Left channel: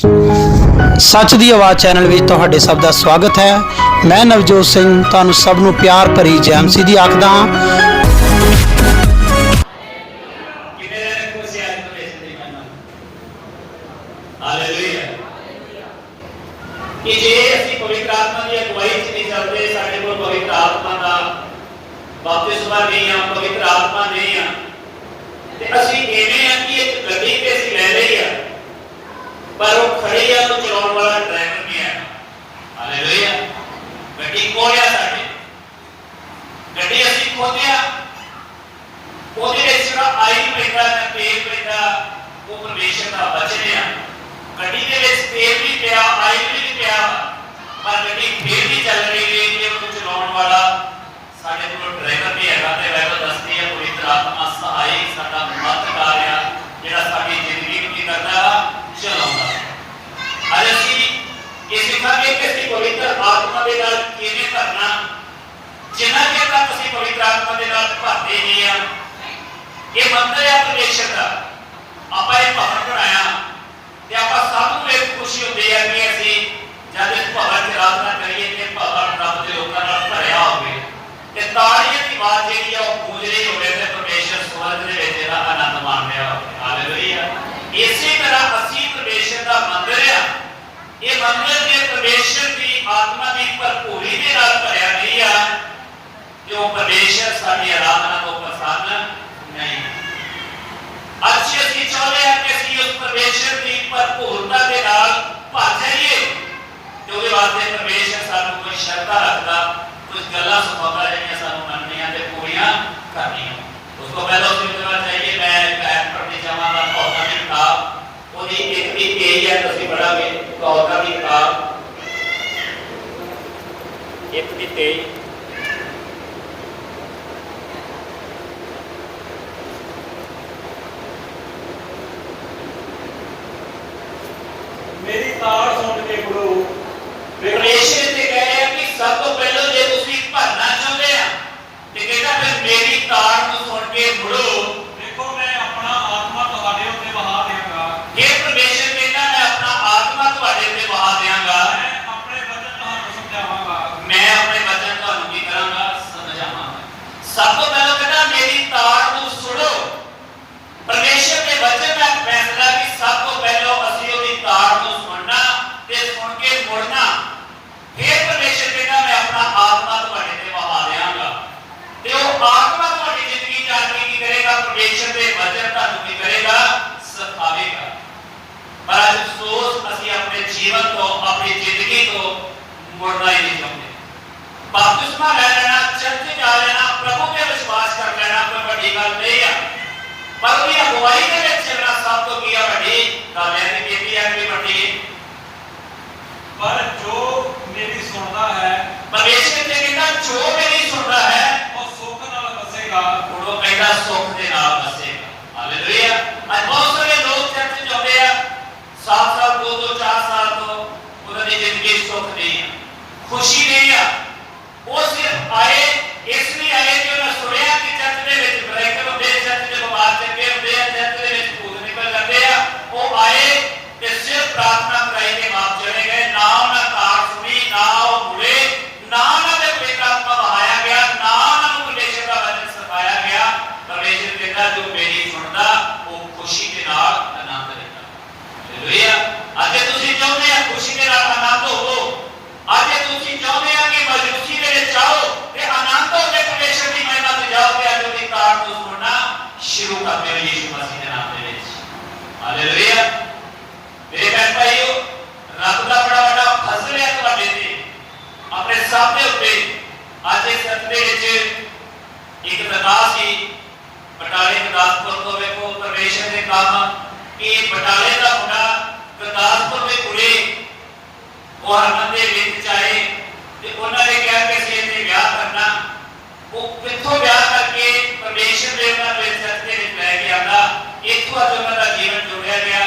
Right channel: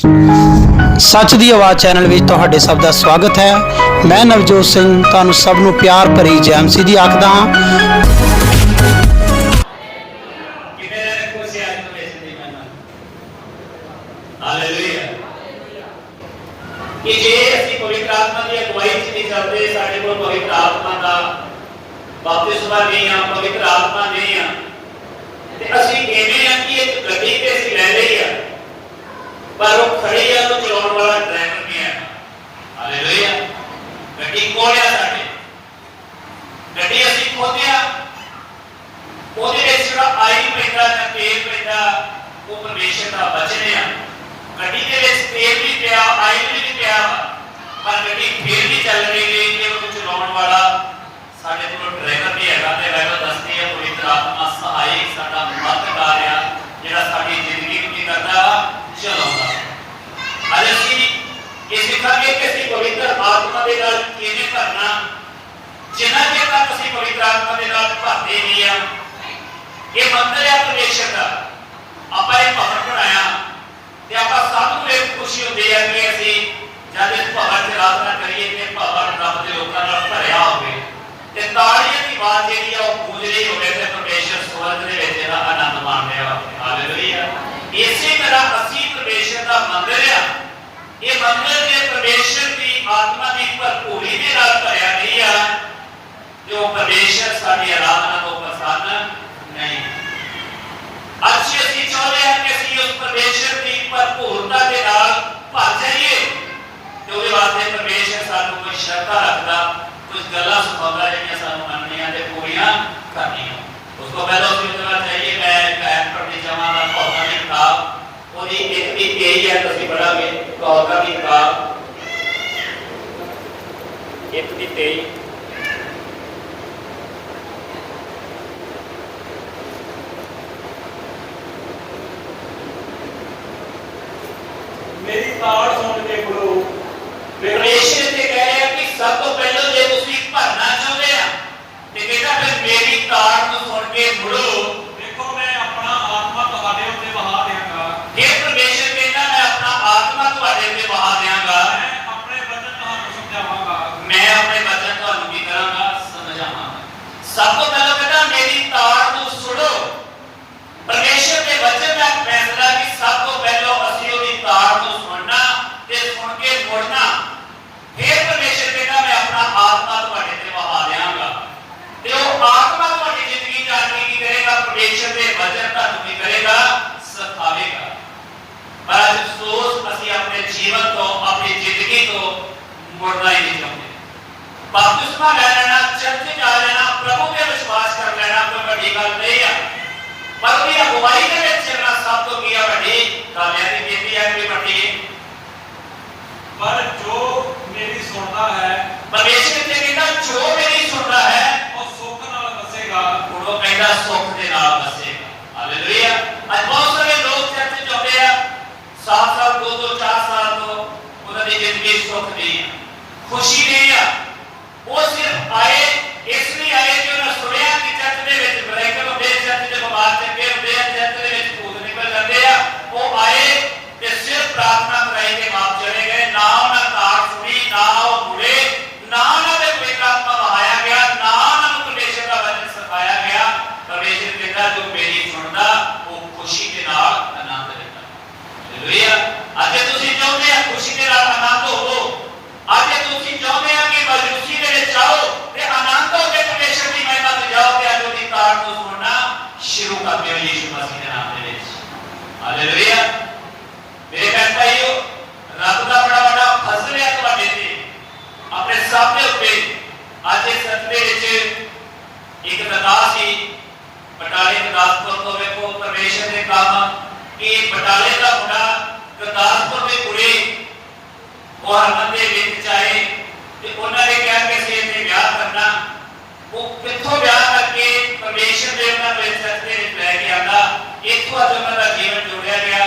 सच दी आवाज़ चैनल में तुहाडे सब का स्वागत है। मैं नवजोत सिंह तुहानू सब नू प्यार भरी जय मसीह दी आखदा हां। कि जे असीं पवित्र आत्मा की अगुवाई च नहीं चलते, साडे कोल पवित्र आत्मा का बपतिस्मा नहीं आ, पवित्र आत्मा नहीं आ, ते असीं इवें आ कि एक गड्डी ते असीं ले लई आ, पर वो खड़ी आ तो चलाउण वाला ड्राइवर नहीं है। हालेलुया। गड्डी कोल आ साडे, गड्डी असीं खोदिया, ओहदे विच जेहड़ा आयल पैंदा ना तेल पैंदा वो परमेश्वर दा वचन है। गड्डी दे विच तेल भी पिया, आयल भी पिया, पर गड्डी फिर भी चल रही है कि उन्हें चलाउण वाला साडे कोल ड्राइवर नहीं हैगा। ते बाइबल दसदी है पवित्र आत्मा सहायक साडा मददगार है, जेहड़ा साडी जिंदगी नूं की करदा चलाउंदा। अज असीं इह सिखांगे कि असीं पवित्र आत्मा दे नाल किवें भरना। जिन्ना चेर तक असीं पवित्र आत्मा दे नाल भरदे नहीं आ, इह मंदिर है परमेश्वर दा, आपां इह भवन बनाया ते आपां सब नूं इह खुशी हुंदी है कि असीं जद इस भवन च आराधना करिए ते भवन रब दे लोकां नाल भरिया होवे ते तालियां दी आवाज़ जेहड़ी आ ओह गूंज रही होवे ते परमेश्वर स्वर्ग दे विच इहदा आनंद माण रहा होवे। हालेलुया। इसी तरह असीं परमेश्वर दा मंदिर आ, इह मंदिर जे परमेश्वर दी आत्मा दी भरपूरी दे नाल भरिया नहीं आ, जो परमेश्वर साडी आराधना तो प्रसन्न नहीं। अच्छी असीं चाहुंदे हां कि असीं उस परमेश्वर दी भरपूरता दे नाल भर जाइए ते ਉਹਦੇ ਵਾਸਤੇ परमेश्वर ਸਾਨੂੰ कोई शर्तां रखदा, कुछ गल्लां सिखाउंदा ਜਿਹੜੀਆਂ ਸਾਨੂੰ ਮੰਨਣੀਆਂ ਤੇ ਪੂਰੀਆਂ ਕਰਨੀਆਂ। ਉਸ ਤੋਂ ਪਹਿਲਾਂ ਅਸੀਂ ਉਹਦੇ ਚਾਹੀਏ ਮੈਂ ਇੱਕ ਪੜ੍ਹਨੀ ਚਾਹਾਂਗਾ ਕੌਲਾਂ ਦੀ ਕਿਤਾਬ, ਉਹਦੀ ਇੱਕ ਦੀ 23 ਹੈ, ਤੁਸੀਂ ਪੜ੍ਹਾਂਗੇ ਕੌਲਾਂ ਦੀ ਕਿਤਾਬ 1 ਦੀ 23। मेरी ताड़ सुन के गुरु परमेश्वर ने कहा कि सब तो पहले जे तुसी भरना चाहते आ ते कहता फिर मेरी ताड़ को सुन के मुड़ो, देखो मैं अपना आत्मा तुम्हारे उत्ते बहा देंगा। जे परमेश्वर कहता मैं अपना आत्मा तुम्हारे उत्ते बहा देंगा, मैं अपने वचन तुहानू समझावांगा, मैं अपने वचन तुहानू की करांगा समझावांगा। सब तो पहले कहता मेरी ताड़ को सुनो। परमेश्वर के वचन का फैसला कि सब तो पहले असीं ओदी ताड़ को सुनना ते सुन के मुड़ना, फिर परमेश्वर कहता मैं अपना आत्मा तुहाडे ते वहा देवांगा ते वो आत्मा तुहाडी जिंदगी च आके की करेगा, परमेश्वर दे वचन तुहानू की करेगा, सिखावेगा। पर अज अफसोस असीं अपने जीवन तो अपनी जिंदगी तो मुड़ना ही नहीं चाहते। बपतिस्मा ले लेना, चर्च च आ जाना, प्रभु ते विश्वास कर लेना कोई बड़ी गल नहीं है, पर उसकी अगुवाई के विच चलना सब तो की वड्डी गल है कि कितनी है कि वड्डी। पर जो मेरी सुनता है, परमेश्वर ने कहता जो मेरी सुनता है वो सुख नाल बसेगा, वो कहता सुख के नाल बसेगा। हालेलुया। आज बहुत सारे लोग चर्च च आउंदे आ, 7 साल 2 4 साल तो उन्हां दी जिंदगी सुख नहीं है, खुशी नहीं है। वो सिर्फ आए इसलिए आए कि उन्हें सुनिया कि चर्च दे विच ब्रेकर हुंदे, चर्च दे बीमार चंगे हुंदे, चर्च दे विच भूत निकल जांदे आ। वो आए ते सिर्फ प्रार्थना कराई के वापस चले गए, ना उन्हें ताड़ सुनी, ना वो मुड़े, ना उन्हें पवित्र आत्मा बहाया गया, ना उन्हें परमेश्वर का वचन सिखाया गया। परमेश्वर कहता जो मेरी सुनता वो खुशी के नाल आनंद लेता। हालेलुया। अज तुसीं चाहुंदे आ खुशी के नाल आनंद होवो, अज तुसीं चाहुंदे आ कि मजबूती दे विच आओ ते आनंद हो के परमेश्वर की महिमा ते जाओ ते अज उहदी ताड़ को सुनना शुरू कर दे यीशु मसीह दे नाम दे विच। हालेलुया। मेरे बहन भाइयों, रब का बड़ा बड़ा फजल है तुहाडे ते, अपने सामने उत्ते। अज इस सत्र दे विच एक दरगाह सी बटाले गुरदासपुर तो, वेखो परमेश्वर ने कहा कि बटाले का मुंडा गुरदासपुर में कुड़ी वो हरमन दे विच आए ते उन्हां ने कहा कि असीं इहदे विआह करना। वो कित्थों विआह करके परमेश्वर दे उन्हां दे चर्च दे विच लै के आंदा, इत्थों अज उन्हां दा जीवन जोड़िया गया।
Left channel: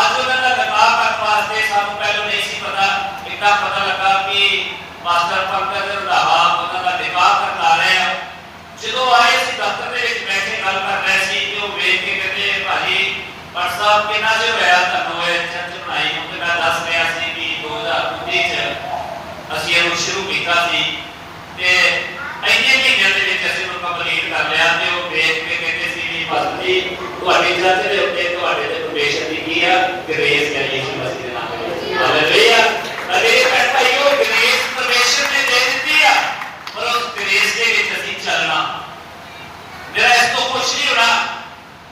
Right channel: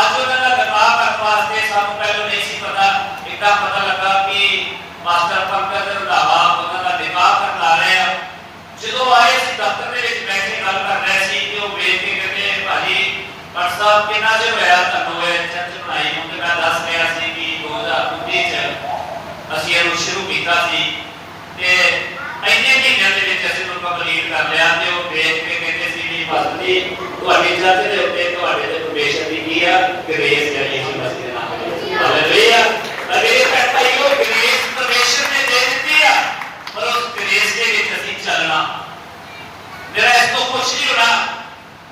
अज उन्हां दा विवाह करन वास्ते सानूं पहलों नहीं सी पता, इतना पता लगा कि मास्टर पंकज रंधावा उन्हां दा विवाह करन आ रहे हैं। जदों आए असीं दफ्तर दे विच बैठ के गल कर रहे सी कि वो वेख के कहते भाजी पर साहब किन्ना जो होया तुहानूं चर्च बनाई, उन्होंने ਦੇ ਉੱਤੇ ਤੁਹਾਡੇ ਤੇ ਪਰਮੇਸ਼ਰ ਦੀ ਕੀ ਆ ਗ੍ਰੇਸ ਹੈ ਯਿਸੂ ਮਸੀਹ ਦੇ ਨਾਮ ਵਿੱਚ ਹਾਲੇਲੂਇਆ। ਅਗਲੇ ਭਾਈਓ ਗ੍ਰੇਸ ਪਰਮੇਸ਼ਰ ਨੇ ਦੇ ਦਿੱਤੀ ਆ ਪਰ ਉਸ ਗ੍ਰੇਸ ਦੇ ਵਿੱਚ ਅਸੀਂ ਚੱਲਣਾ ਜਿਹੜਾ ਇਸ ਤੋਂ ਕੁਛ ਨਹੀਂ ਹੋਣਾ।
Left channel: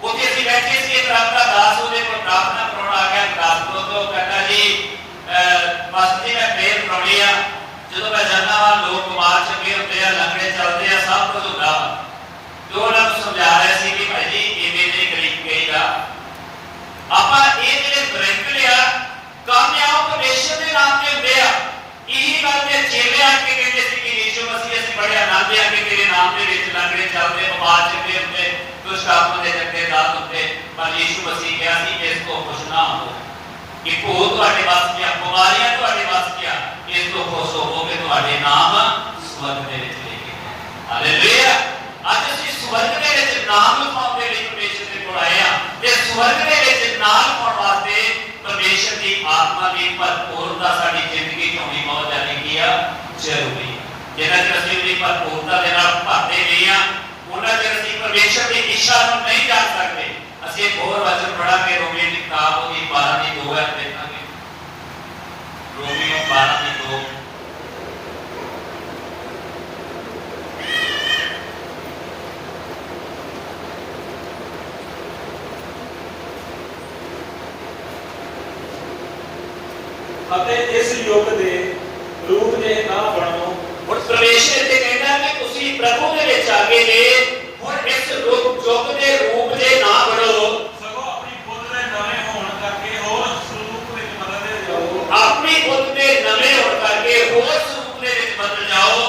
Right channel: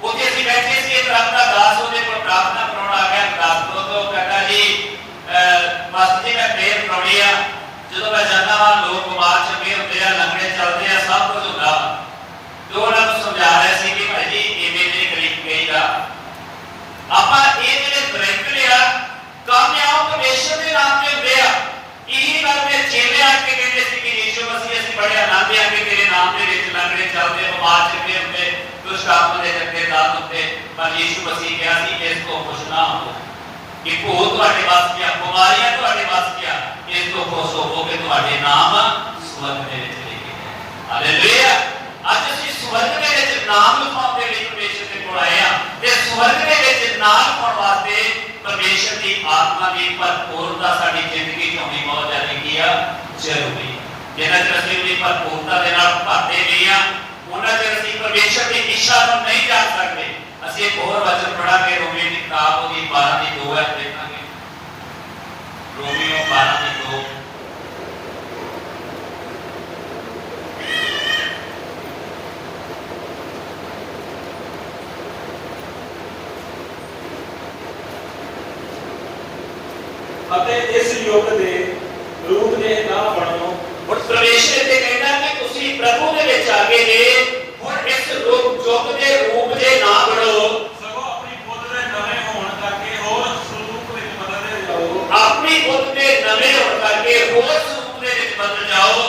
ਉੱਥੇ ਅਸੀਂ ਬੈਠੇ ਸੀ ਇੱਕ ਰਾਤ ਦਾ ਦਾਸ ਉਹਦੇ ਕੋਲ ਪ੍ਰਾਰਥਨਾ ਕਰਾਉਣ ਆ ਗਿਆ ਦਾਸ ਤੋਂ ਉਹ ਕਹਿੰਦਾ ਜੀ ਬਸ ਜੀ ਮੈਂ ਪ੍ਰੇਅਰ ਕਰਾਉਣੀ ਆ ਜਦੋਂ ਮੈਂ ਜਾਂਦਾ ਹਾਂ ਲੋਕ ਬਿਮਾਰ ਚੁੱਕੇ ਹੁੰਦੇ ਆ ਲੰਗੜੇ ਚੱਲਦੇ ਆ ਸਭ ਕੁਝ ਹੁੰਦਾ ਜੋ ਉਹਨਾਂ ਨੂੰ ਸਮਝਾ ਰਿਹਾ ਸੀ ਕਿ ਭਾਈ ਜੀ ਇਵੇਂ ਨਹੀਂ ਕਰੀਦਾ ਆਪਾਂ ਇਹ ਜਿਹੜੇ ਬ੍ਰੇਕ ਲਿਆ ਕਾਮਯਾਬ ਪਰਮੇਸ਼ਰ ਦੇ ਨਾਮ ਤੇ ਹੁੰਦੇ ਆ। ਇਹੀ ਗੱਲ ਦੇ ਚੇਲੇ ਆ ਕੇ ਕਹਿੰਦੇ ਸੀ ਕਿ ਯਿਸੂ ਮਸੀਹ ਅਸੀਂ ਬੜੇ ਆਨੰਦ ਆ ਕਿ ਤੇਰੇ ਨਾਮ ਦੇ ਵਿੱਚ ਲੰਗੜੇ ਚੱਲਦੇ ਬਿਮਾਰ ਚੁੱਕੇ ਹੁੰਦੇ ਦੁਸ਼ਟ ਆਤਮਾ ਦੇ ਕਰਕੇ ਦਾਤ ਹੁੰਦੇ ਪਰ ਯਿਸੂ ਮਸੀਹ ਕਿਹਾ ਸੀ ਕਿ ਇਸ ਤੋਂ ਖੁਸ਼ ਨਾ ਹੋ ਕਿ ਭੂਤ ਤੁਹਾਡੇ ਵੱਸ ਗਿਆ ਬਿਮਾਰੀਆਂ ਤੁਹਾਡੇ ਵੱਸ ਗਿਆ ਇਸ ਤੋਂ ਖੁਸ਼ ਹੋਵੋ ਕਿ ਤੁਹਾਡੇ ਨਾਮ ਸਵਰਗ ਦੇ ਵਿੱਚ ਲਿਖੇ ਗਏ। ਹਾਲੇਲੂਇਆ। ਅੱਜ ਅਸੀਂ ਸਵਰਗ ਦੇ ਵਿੱਚ ਨਾਮ ਲਿਖਾਉਣ ਦੇ ਲਈ ਪਰਮੇਸ਼ਰ ਦੇ ਕੋਲ ਆਏ ਆ ਤੇ ਸਵਰਗ ਦੇ ਵਿੱਚ ਨਾਮ ਲਿਖਾਉਣ ਵਾਸਤੇ ਪਰਮੇਸ਼ਰ ਦੀ ਆਤਮਾ ਦੀ ਭਰਪੂਰਤਾ ਸਾਡੀ ਜ਼ਿੰਦਗੀ ਚ ਹੋਣੀ ਬਹੁਤ ਜ਼ਿਆਦਾ ਆ ਜ਼ਰੂਰੀ ਹੈ। ਜਿੰਨਾ ਚਿਰ ਅਸੀਂ ਉਹਦੀ ਭਰਪੂਰਤਾ ਦੇ ਨਾਲ ਭਰਦੇ ਨਹੀਂ ਆ ਉਹਨਾਂ ਚਿਰ ਅਸੀਂ ਪਰਮੇਸ਼ਰ ਦੀ ਇੱਛਾ ਨੂੰ ਨਹੀਂ ਜਾਣ ਸਕਦੇ। ਅਸੀਂ ਇੱਕ ਹੋਰ ਵਚਨ ਪੜਾਂਗੇ ਰੋਮੀਓ ਦੀ ਕਿਤਾਬ ਉਹਦੀ 12 ਦੀ 2 ਹੈ ਦੇਖਾਂਗੇ ਰੋਮੀਓ 12 ਦੀ 2 ਅਤੇ ਇਸ ਯੁੱਗ ਦੇ ਰੂਪ ਦੇ ਨਾ ਬਣੋ। ਹੁਣ ਪਰਮੇਸ਼ਰ ਤੇ ਕਹਿੰਦਾ ਕਿ ਤੁਸੀਂ ਪ੍ਰਭੂ ਦੇ ਵਿੱਚ ਆ ਗਏ ਨੇ ਹੁਣ ਇਸ ਯੁੱਗ ਦੇ ਰੂਪ ਦੇ ਨਾ ਬਣੋ ਸਗੋਂ ਆਪਣੀ ਬੁੱਧ ਦੇ ਨਵੇਂ ਹੋਣ ਕਰਕੇ ਹੋਰ ਸਰੂਪ ਵਿੱਚ ਬਦਲਦੇ ਜਾਓ। ਆਪਣੀ ਬੁੱਧ ਦੇ ਨਵੇਂ ਹੋਣ ਕਰਕੇ ਹੋਰ ਸਰੂਪ ਦੇ ਵਿੱਚ ਬਦਲ ਜਾਓ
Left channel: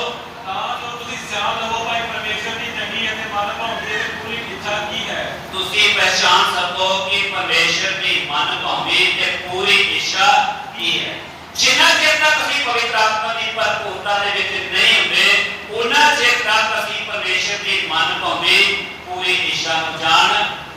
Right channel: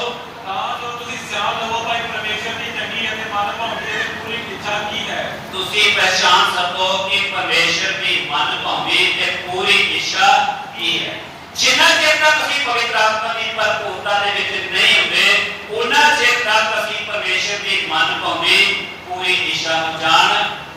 ਤਾਂ ਜੋ ਤੁਸੀਂ ਸਿਆਣ ਲਵੋ ਭਾਈ ਪਰਮੇਸ਼ਰ ਦੀ ਚੰਗੀ ਅਤੇ ਮਨ ਭਾਉਂਦੀ ਪੂਰੀ ਇੱਛਾ ਕੀ ਹੈ। ਤੁਸੀਂ ਪਹਿਚਾਨ ਸਕੋ ਕਿ ਪਰਮੇਸ਼ਰ ਦੀ ਮਨ ਭਾਉਂਦੀ ਤੇ ਪੂਰੀ ਇੱਛਾ ਕੀ ਹੈ। ਜਿੰਨਾ ਚਿਰ ਤੱਕ ਅਸੀਂ ਪਵਿੱਤਰ ਆਤਮਾ ਦੀ ਭਰਪੂਰਤਾ ਦੇ ਵਿੱਚ ਨਹੀਂ ਹੁੰਦੇ ਉਹਨਾਂ ਚਿਰ ਤੱਕ ਅਸੀਂ ਪਰਮੇਸ਼ਰ ਦੀ ਮਨ ਭਾਉਂਦੀ ਪੂਰੀ ਇੱਛਾ ਨੂੰ ਜਾਣ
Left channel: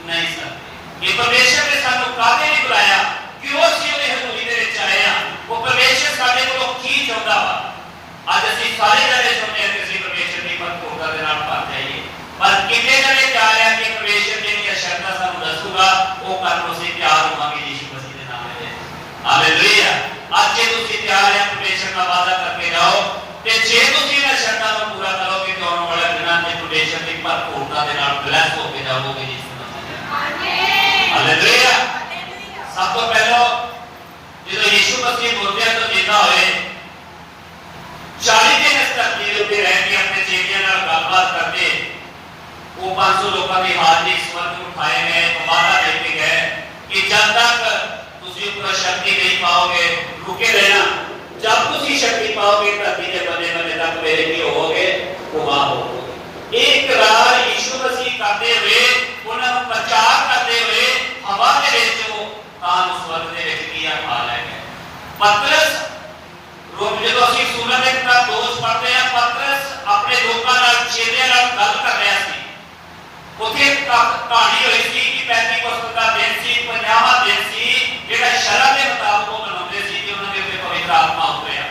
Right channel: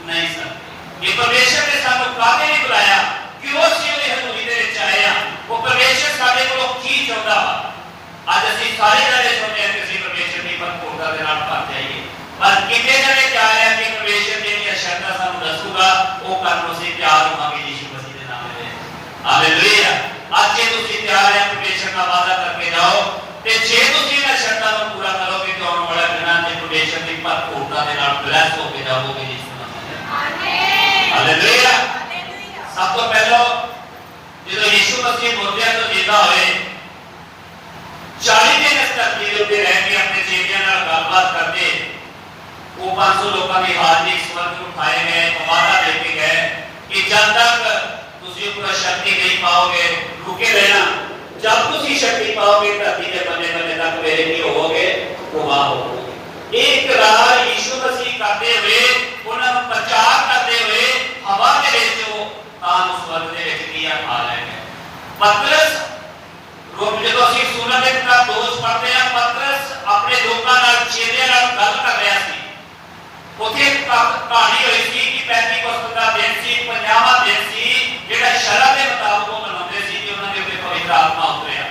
ਨਹੀਂ ਸਕਦੇ। ਇਹ ਪਰਮੇਸ਼ਰ ਨੇ ਸਾਨੂੰ ਕਾਹਦੇ ਲਈ ਬੁਲਾਇਆ ਕਿਉਂ ਅਸੀਂ ਉਹਦੀ ਹਜ਼ੂਰੀ ਦੇ ਵਿੱਚ ਆਏ ਆ ਉਹ ਪਰਮੇਸ਼ਰ ਸਾਡੇ ਕੋਲੋਂ ਕੀ ਚਾਹੁੰਦਾ ਵਾ। ਅੱਜ ਅਸੀਂ ਸਾਰੇ ਜਣੇ ਚਾਹੁੰਦੇ ਹਾਂ ਕਿ ਅਸੀਂ ਪਰਮੇਸ਼ਰ ਦੀ ਭਰਪੂਰਤਾ ਦੇ ਨਾਲ ਭਰ ਜਾਈਏ ਪਰ ਕਿੰਨੇ ਜਣੇ ਚਾਹ ਰਹੇ ਕਿ ਪਰਮੇਸ਼ਰ ਜਿਹੜੀਆਂ ਸ਼ਰਤਾਂ ਸਾਨੂੰ ਦੱਸੂਗਾ ਉਹ ਕਰਨ ਨੂੰ ਅਸੀਂ ਤਿਆਰ ਹੋਵਾਂਗੇ ਯਿਸੂ ਮਸੀਹ ਦੇ ਨਾਮ ਵਿੱਚ। ਹਾਲੇਲੂਇਆ। ਅੱਜ ਜੇ ਤੁਸੀਂ ਤਿਆਰ ਹੈ ਪਰਮੇਸ਼ਰ ਨਾਲ ਵਾਅਦਾ ਕਰਕੇ ਜਾਓ ਤੇ ਜੇ ਤੁਸੀਂ ਇਹਨਾਂ ਸ਼ਰਤਾਂ ਨੂੰ ਪੂਰਾ ਕਰੋਗੇ ਤਾਂ ਆਉਣ ਵਾਲੇ ਦਿਨਾਂ ਦੇ ਪਰਮੇਸ਼ਰ ਦੀ ਭਰਪੂਰਤਾ ਦੇ ਨਾਲ ਬਲੈਸ ਹੋ ਕੇ ਜਾਓਗੇ ਯਿਸੂ ਮਸੀਹ। ਹਾਲੇਲੂਇਆ। ਸਭ ਤੋਂ ਪਹਿਲਾਂ ਜਦੋਂ ਯਿਸੂ ਮਸੀਹ ਮੁਰਦਿਆਂ ਤੋਂ ਜਿੰਦਾ ਹੋਏ 40 ਦਿਨ ਇਸ ਧਰਤੀ ਦੇ ਉੱਤੇ ਰਹਿ ਕੇ ਆਪਣੇ ਚੇਲਿਆਂ ਨਾਲ ਗੱਲਬਾਤ ਕਰਦੇ ਉਹ 500 ਲੋਕਾਂ ਦੀ ਹਾਜ਼ਰੀ ਸਵਰਗ ਨੂੰ ਉਠਾਏ ਗਏ ਵਾਅਦਾ ਦੇ ਕੇ ਗਏ ਕਿ ਜਦ ਤੱਕ ਤੁਸੀਂ ਉੱਪਰ ਸ਼ਕਤੀ ਨਹੀਂ ਪਾਓਗੇ ਰੁਕੇ ਰਹਿਣਾ ਜਦ ਤੁਸੀਂ ਸ਼ਕਤੀ ਪਾਓਗੇ ਧਰਤੀ ਦੇ ਬੰਨੇ ਬੰਨੇ ਤੱਕ ਮੇਰੇ ਕੀ ਹੋਵੋਗੇ ਗੁਬਾਰ ਹੋਵੋਗੇ। ਇਹ ਇਕਰਾਰ ਯਿਸੂ ਮਸੀਹ ਕਰਦੇ ਹੋਏ ਉਹਨਾਂ ਨੂੰ ਪ੍ਰਚਾਰ ਕਰਦੇ ਹੋਏ ਹਵਾ ਦੇ ਵਿੱਚ ਉਹ ਤਾਂ ਸਵਰਗ ਦੇ ਵਿੱਚ ਕੀ ਆ ਲੈ ਗਏ। ਪਤਰਸ ਜਦੋਂ ਅਸੀਂ ਸੁਣਨ ਦੇ ਨਾਲ ਦੋਸ਼ ਪੜਦੇ ਆ ਪਤਰਸ ਆਪਣੇ ਲੋਕਾਂ ਨਾਲ ਚੇਲਿਆਂ ਨਾਲ ਗੱਲ ਕਰ ਰਿਹਾ ਸੀ। ਉੱਥੇ ਇੱਕ ਕਹਾਣੀ ਹੋਈ ਸੀ ਕਿ ਪੈਂਤੀਕੋਸਤ ਦਾ ਦਿਨ ਸੀ 50ਵਾਂ ਦਿਨ ਸੀ ਜਿਹੜਾ ਸ਼ਰ੍ਹਾ ਦੇ ਮੁਤਾਬਕ ਉਹ ਮਨਾਉਂਦੇ ਸੀ ਕਿ ਉਹਨਾਂ ਦੇ ਉੱਤੇ ਪਵਿੱਤਰ ਆਤਮਾ ਉਤਰਿਆ।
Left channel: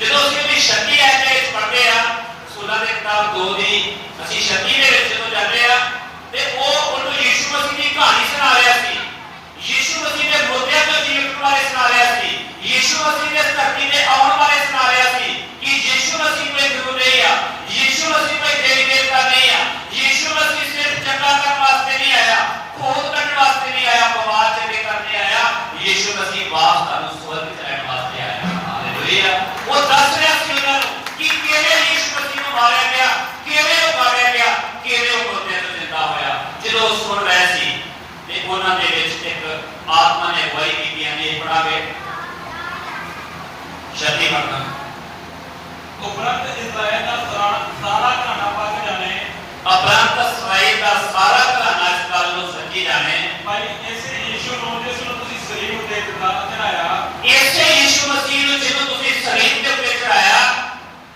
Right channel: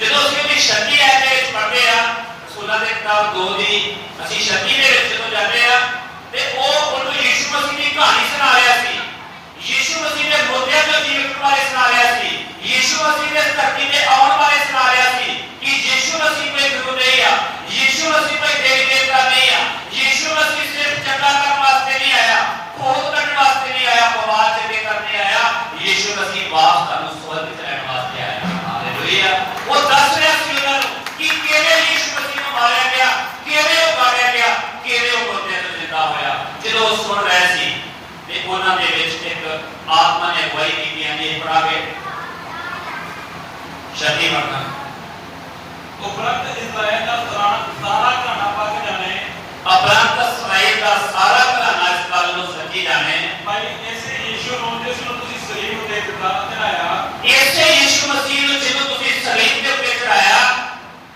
ਜਦੋਂ ਅਸੀਂ ਉਹਦੀ ਸ਼ਕਤੀ ਐ ਦੇ ਵਿੱਚ ਪੜ੍ਹਦੇ ਆ ਰਸੂਲਾਂ ਦੇ ਕਿਤਾਬ 2 ਦੀ ਅਸੀਂ ਸ਼ਕਤੀ ਦੇ ਵਿੱਚ ਜਦੋਂ ਜਾਂਦੇ ਆ ਤੇ ਉਹ ਉਹਨੂੰ ਯਿਸੂ ਮਸੀਹ ਦੀ ਕਹਾਣੀ ਸੁਣਾ ਰਿਹਾ ਸੀ। ਯਿਸੂ ਮਸੀਹ ਦੇ ਮੁਰਦਿਆਂ ਤੋਂ ਜੀਵਨ ਬਾਰੇ ਸੁਣਾ ਰਿਹਾ ਸੀ। ਯਿਸੂ ਮਸੀਹ ਦੇ ਧਰਤੀ ਤੇ ਆਉਣ ਬਾਰੇ ਸੁਣਾ ਰਿਹਾ ਸੀ ਕਿ ਯਿਸੂ ਮਸੀਹ ਕੋਈ ਗੁਰੂ ਨਹੀਂ ਆ ਯਿਸੂ ਮਸੀਹ ਕੋਈ ਦੇਵੀ ਦੇਵਤਾ ਨਹੀਂ ਆ ਯਿਸੂ ਮਸੀਹ ਸਿਰਫ ਚੰਗਾ ਕਰਨ ਵਾਸਤੇ ਨਹੀਂ ਆਇਆ ਖੋਜ ਕਰਨ ਵਾਸਤੇ ਨਹੀਂ ਆਇਆ ਬਿਮਾਰ ਚੰਗੇ ਕਰਨੇ ਆਇਆ ਯਿਸੂ ਮਸੀਹ ਵਾਪਸ ਤੁਹਾਨੂੰ ਸਵਰਗ ਚ ਰਹਿਣ ਵਾਸਤੇ ਆਇਆ। ਹਾਲੇਲੂਇਆ। ਉਹ ਦੱਸ ਰਿਹਾ ਸੀ ਉਹਨਾਂ ਨੂੰ ਕਿ ਕਿਵੇਂ ਯਿਸੂ ਮਸੀਹ ਨੂੰ ਮਾਰਿਆ ਗਿਆ ਕਿਵੇਂ ਉਹ ਮਾਰਿਆ ਗਿਆ ਕਿਵੇਂ ਉਹ ਮੁਰਦਿਆਂ ਤੋਂ ਜ਼ਿੰਦਾ ਹੋਇਆ। ਜਦੋਂ ਉਹ ਸੁਣ ਰਹੇ ਸੀ ਤੇ ਉਹਨਾਂ ਦੇ ਵਿੱਚ ਇੱਕ ਆਤਮਾ ਨੇ ਅਗਵਾਈ ਕੀਤੀ ਨੇ ਪੜਾਵੇ ਸ਼ਕਤੀ ਮੰਗਣਾ ਉਪਰੰਤ ਇਸਰਾਇਲ ਦਾ ਸਾਰਾ ਘਾਣਾ ਪੱਕ ਜਾਣੇ ਉਪਰੰਤ ਇਸਰਾਇਲ ਦਾ ਸਾਰਾ ਘਰਾਣਾ ਇਸ ਗੱਲ ਨੂੰ ਸਮਝੀ ਜਾਣੇ ਭਾਈ ਇਸੇ ਯਿਸੂ ਨੂੰ ਜਿਸ ਨੂੰ ਤੁਸੀਂ ਸਰੀਰ ਦੇ ਉੱਤੇ ਚੜਾਇਆ ਇਸੇ ਯਿਸੂ ਮਸੀਹ ਨੂੰ ਜਿਹਨੂੰ ਤੁਸੀਂ ਸਰੀਰ ਦੇ ਉੱਤੇ ਚੜਾਇਆ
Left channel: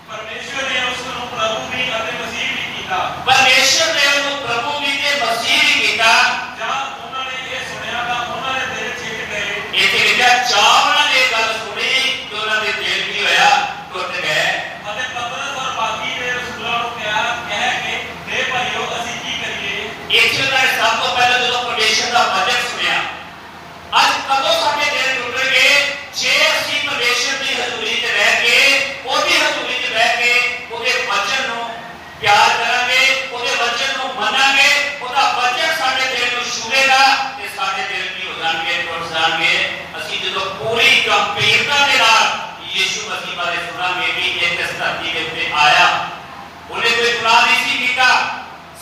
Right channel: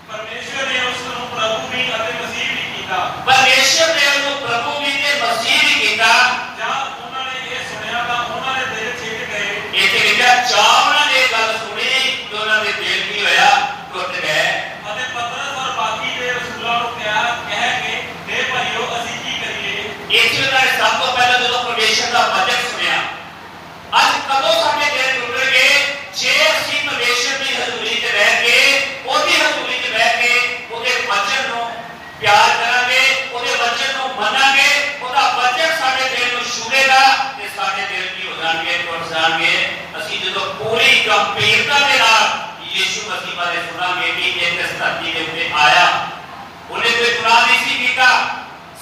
ਪਰਮੇਸ਼ਰ ਨੇ ਉਸ ਨੂੰ ਪ੍ਰਭੂ ਵੀ ਅਤੇ ਮਸੀਹ ਵੀ ਕੀਤਾ। ਪਰਮੇਸ਼ਰ ਨੇ ਉਹਨੂੰ ਪ੍ਰਭੂ ਵੀ ਤੇ ਮਸੀਹ ਵੀ ਕੀਤਾ। ਜਾਂ ਉਹਨਾਂ ਨੇ ਇਹ ਸੁਣਿਆ ਤਾਂ ਉਹਨਾਂ ਦੇ ਦਿਲ ਛੇਕ ਗਏ। ਇੱਥੇ ਲਿਖਿਆ ਚਾਹ ਉਹਨਾਂ ਨੇ ਗੱਲ ਸੁਣੀ ਤੇ ਉਹਨਾਂ ਦੇ ਦਿਲ ਕੀ ਹੋਇਆ ਟੁੱਟ ਗਏ। ਅਤੇ ਪਤਰਸ ਔਰ ਬਾਕੀ ਦੇ ਰਸੂਲਾਂ ਨੂੰ ਕਹਿ ਕੇ हे ਭਾਈਓ ਅਸੀਂ ਕੀ ਕਰੀਏ। ਇੱਥੇ ਉਹਨਾਂ ਨੇ ਸਭ ਤੋਂ ਪਹਿਲਾਂ ਜਦੋਂ ਪਰਮੇਸ਼ਰ ਦਾ पूरी गंभीरता के नाल यीशु मसीह बारे सुनांगे कि इस धरती के उत्ते आया, उन्हें कोई गुनाह नहीं सी कीता,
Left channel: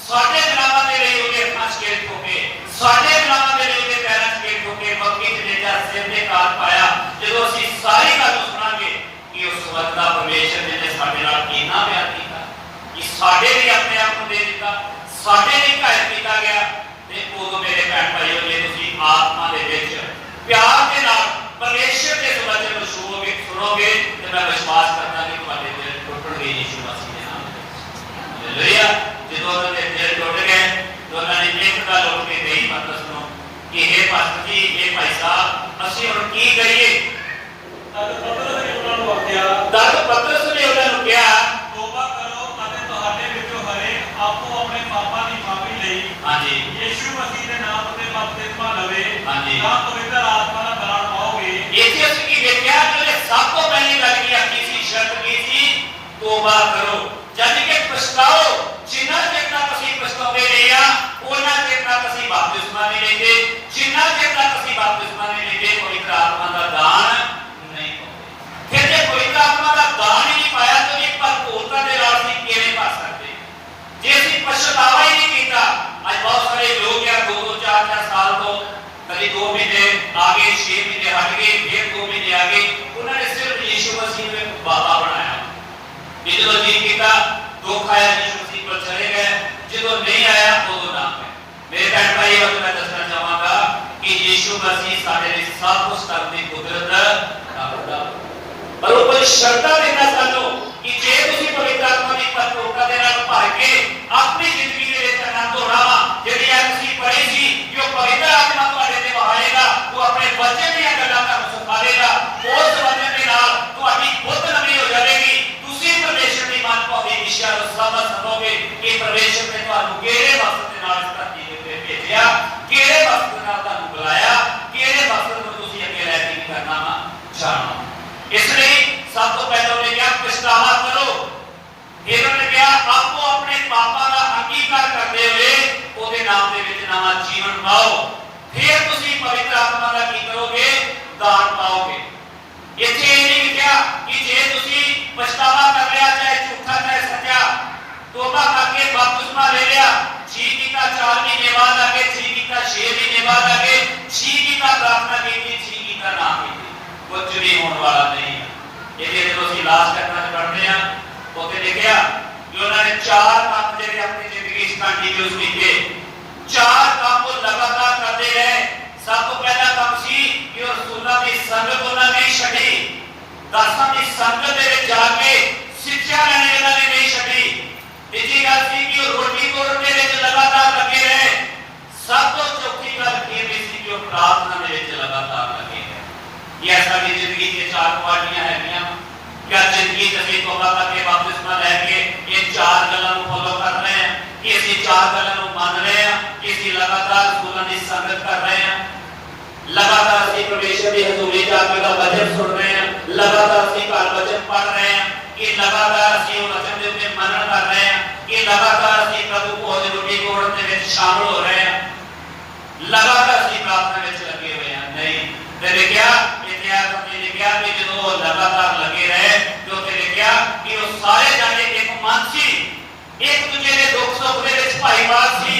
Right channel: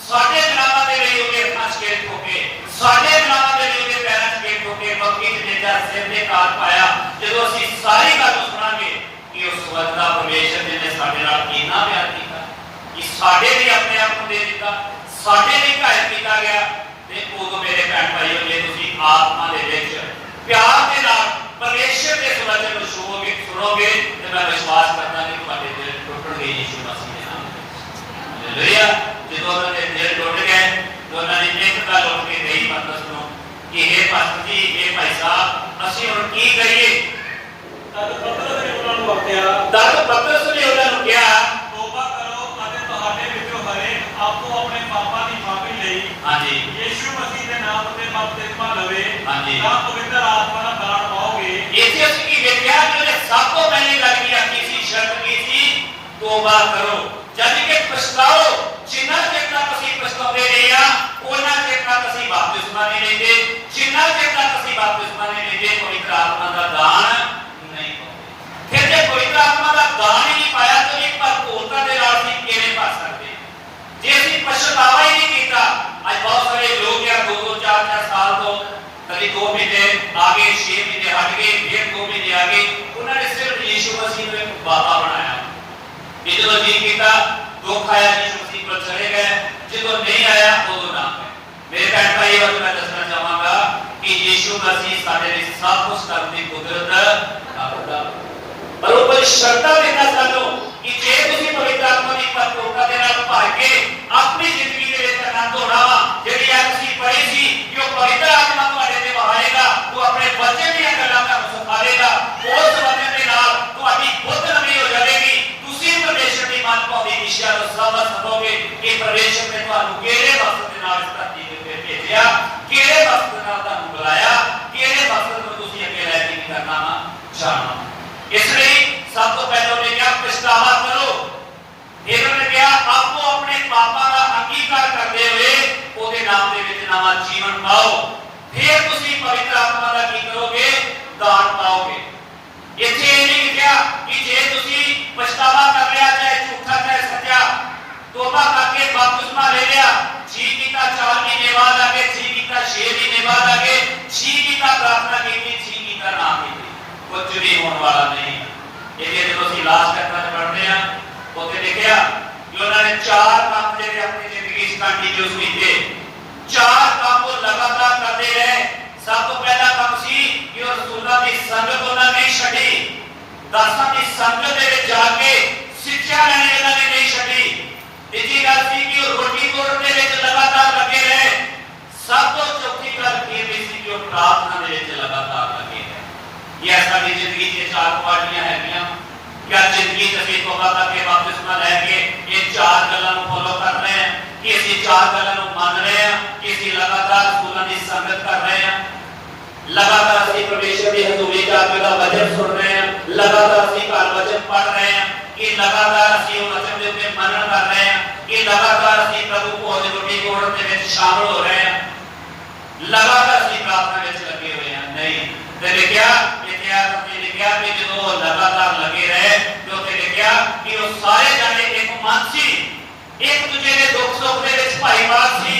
साडे गुनाहां दे लई उहने अखां चेर ठोके, साडे गुनाहां दे लई उहने पैरां चेर ठोके, बक्की ते जेड़ा सिर ते काल पाया। जदों असीं सारी गल सुनांगे कि उस वक्त दा परमेश्वर ने साडे नाल कितना प्यार कीता, कि साडे लिए अपने आप को दे दिता, साडे लिए घायल किया गया। ते उदों मेरे भैन भाईओ, जे तुसीं आत्मा दे विच प्यार दे नाल परमेश्वर के वचन को सुनोगे तो मैं विश्वास करता कि तुम्हारे दिल टुटणगे यीशु मसीह के नाम। हालेलुया। जो उन्होंने दिल टुट गए तो उन्होंने एक गल उठ के कही पतरस को कि हे पास्टर जी, हे भाई साहब, असीं हुण की करिए? तद पतरस ने उन्हां नूं आखिया, तौबा करो अते तुहाडे विचों हरेक आपो अपने पापां दी माफी लई हाँ जी यीशु मसीह दे नाम ते बपतिस्मा लवे, हाँ जी, तां पवित्र आत्मा दा दान पाओगे। इसे की व्याख्या जो सब तो पहली गल की आखी सी, शर्त की थी, तौबा करो, यानी कि पछताओ। जिन्ना चेर तक असीं पछताउंदे रहे आ उन्ना चेर तक असीं बपतिस्मा नहीं लैंदे, जिन्ना चेर तक असीं बपतिस्मा नहीं लैंदे पवित्र आत्मा दा दान नहीं पाउंदे। फिर जे पवित्र आत्मा दा दान ही नहीं पाया तो ये भरपूरता दे नाल असीं किवें पा सकदे? जे असीं पछतावा ही नहीं कीता, अज बहुत सारे लोग या 2-2 4-4 साल तो कभी 2 महीने आगे, 6 महीने हट गए, फिर 2 महीने आगे, उन्होंने सिर्फ यीशु मसीह को एक बाबा बनाया। जो जी किया दुख आया यीशु मसीह पर चले गए, जो नहीं आया उदों ना। मेरे भैन भाई और मैं दसना चाहूंगा कि यीशु मसीह साडे लिए सब कुछ करने की कुदरत रखदा, पर वो कोई शर्तां देना चाहो कि जे तुसीं पवित्र आत्मा की भरपूरता दे नाल भर के अपनी जिंदगी दे विच आनंद होना वा, जिहड़ी अज असीं पढ़ी सी कि वो पवित्र आत्मा तुहाडे ते वहाएगा, वो अपने वचन दीयां गल्लां तुहानूं सिखाएगा, उस वचन दे नाल तुहाडी बुद्ध नवीं हो जाएगी। तुसीं परमेश्वर दी मन भावी दिशा नूं समझ सकोगे कि परमेश्वर ने तुहानूं किहड़े मकसद दे नाल इस धरती दे उत्ते भेजिया, किहड़े मकसद दे नाल तुहानूं बुलाया, किहड़े मकसद नूं तुसीं अगे लै के करना वा जाणो। इसलिए सब तो पहले उन्हें क्या पछतावा करो, फिर उन्हें क्या आपको अपने पापा का अंगीकार करते हुए ਉਹਦੇ नाम ਦੇ ਵਿੱਚ नवा जीवन पाओ, फिर तुसी पवित्र आत्मा का की करोगे, दान पाओगे। इत्थे ये नहीं लिखा कि जे तुसी पछतावा कर लिया, चाहे झूठा चाहे सच्चा, तौबा करके बपतिस्मा ले लिया, जी कीता 4 महीने बाद आके, जी कीता 6 महीने बाद आके, जी कीता प्रार्थना की, जी कीता ना की, कुछ भी होने वाला नहीं है। ये जो ਅਸੀਂ ਇਲਾਜ ਕਰਨਾ ਪੜਦੇ ਆ ਉੱਥੇ ਲਿਖਿਆ ਕਿ ਉਹਨਾਂ ਨੇ 4 ਕੰਮ ਜਿਹੜੇ ਆਪਣੀ ਜ਼ਿੰਦਗੀ 'ਚ ਕੰਟੀਨਿਊਸ ਕੀਤੇ, 4 ਕੰਮ ਉਹ ਲਗਾਤਾਰ ਕਰਦੇ ਰਹੇ। ਸਭ ਤੋਂ ਪਹਿਲਾ ਕੰਮ ਸੀ ਕਿ ਉਹ ਰਸੂਲਾਂ ਦੀ ਸੰਗਤ ਉਹਨਾਂ ਨੇ ਨਹੀਂ ਛੱਡੀ, ਦਾਸਾਂ ਦੀ ਸੰਗਤ ਦੇ ਵਿੱਚ ਜਾ ਕੇ ਸਿੱਖਿਆ ਲੈਣੀ ਉਹਨਾਂ ਨੇ ਨਹੀਂ ਛੱਡੀ। ਤੀਜੀ ਗੱਲ ਸੀ ਕਿ ਉਹ ਰੋਟੀ ਤੋੜਨ ਦੇ ਵਿੱਚ ਲਗਾਤਾਰ ਲੱਗੇ ਰਹੇ। ਸਭ ਤੋਂ ਚੌਥੀ ਗੱਲ ਇਹ ਸੀ ਕਿ ਉਹ ਪ੍ਰਾਰਥਨਾ ਦੇ ਵਿੱਚ ਲਗਾਤਾਰ ਲੱਗੇ ਰਹੇ। ये साडी जिंदगी की 4 क्वालिटियां है। क्या जिंदगी तभी तौबा करके बपतिस्मा लैके ये 4 गल्लां नूं फॉलो कर रहे हैं कि असीं 4 गल्लां नूं मान रहे हैं कि असीं लगातार रसूलां दी संगत कर रहे हैं, लगातार असीं परमेश्वर दी हज़ूरी च आके दा वचन सुन रहे हैं, लगातार असीं घर वचन पढ़ रहे हैं, कि लगातार असीं उह वचन दे उत्ते मनन कर रहे हैं, कि लगातार असीं प्रभु भोज रोटी तोड़न दे विच शामिल हो रहे हैं, लगातार असीं प्रार्थना विच लगे हुए हैं। नहीं ते लिखिया लिखिया कि जो लगातार लगे रहे, जो लिखिया कि वो सारे जाने एक मन सी, एक दूजे के दुख सुख दे विच भाईवाल सी।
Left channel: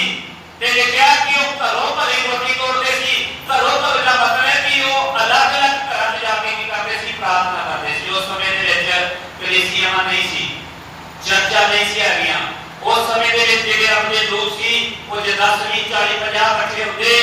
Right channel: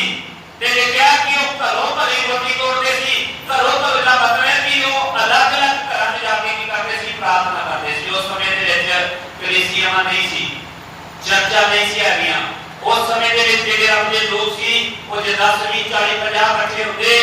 ते लिखिया कि वो घरों भली रोटी तोड़ते सी, घरों तो इतना मतलब है कि वो अलग अलग घर में जाके की करते सी, प्रार्थना करते सी। उस समय दे विच कलीसियां नहीं सी, चर्चा नहीं सी हैगियां। उस समय दे विच जिहड़े अपने लोग सी वो जे 10 20 40 50 इकट्ठे होंदे,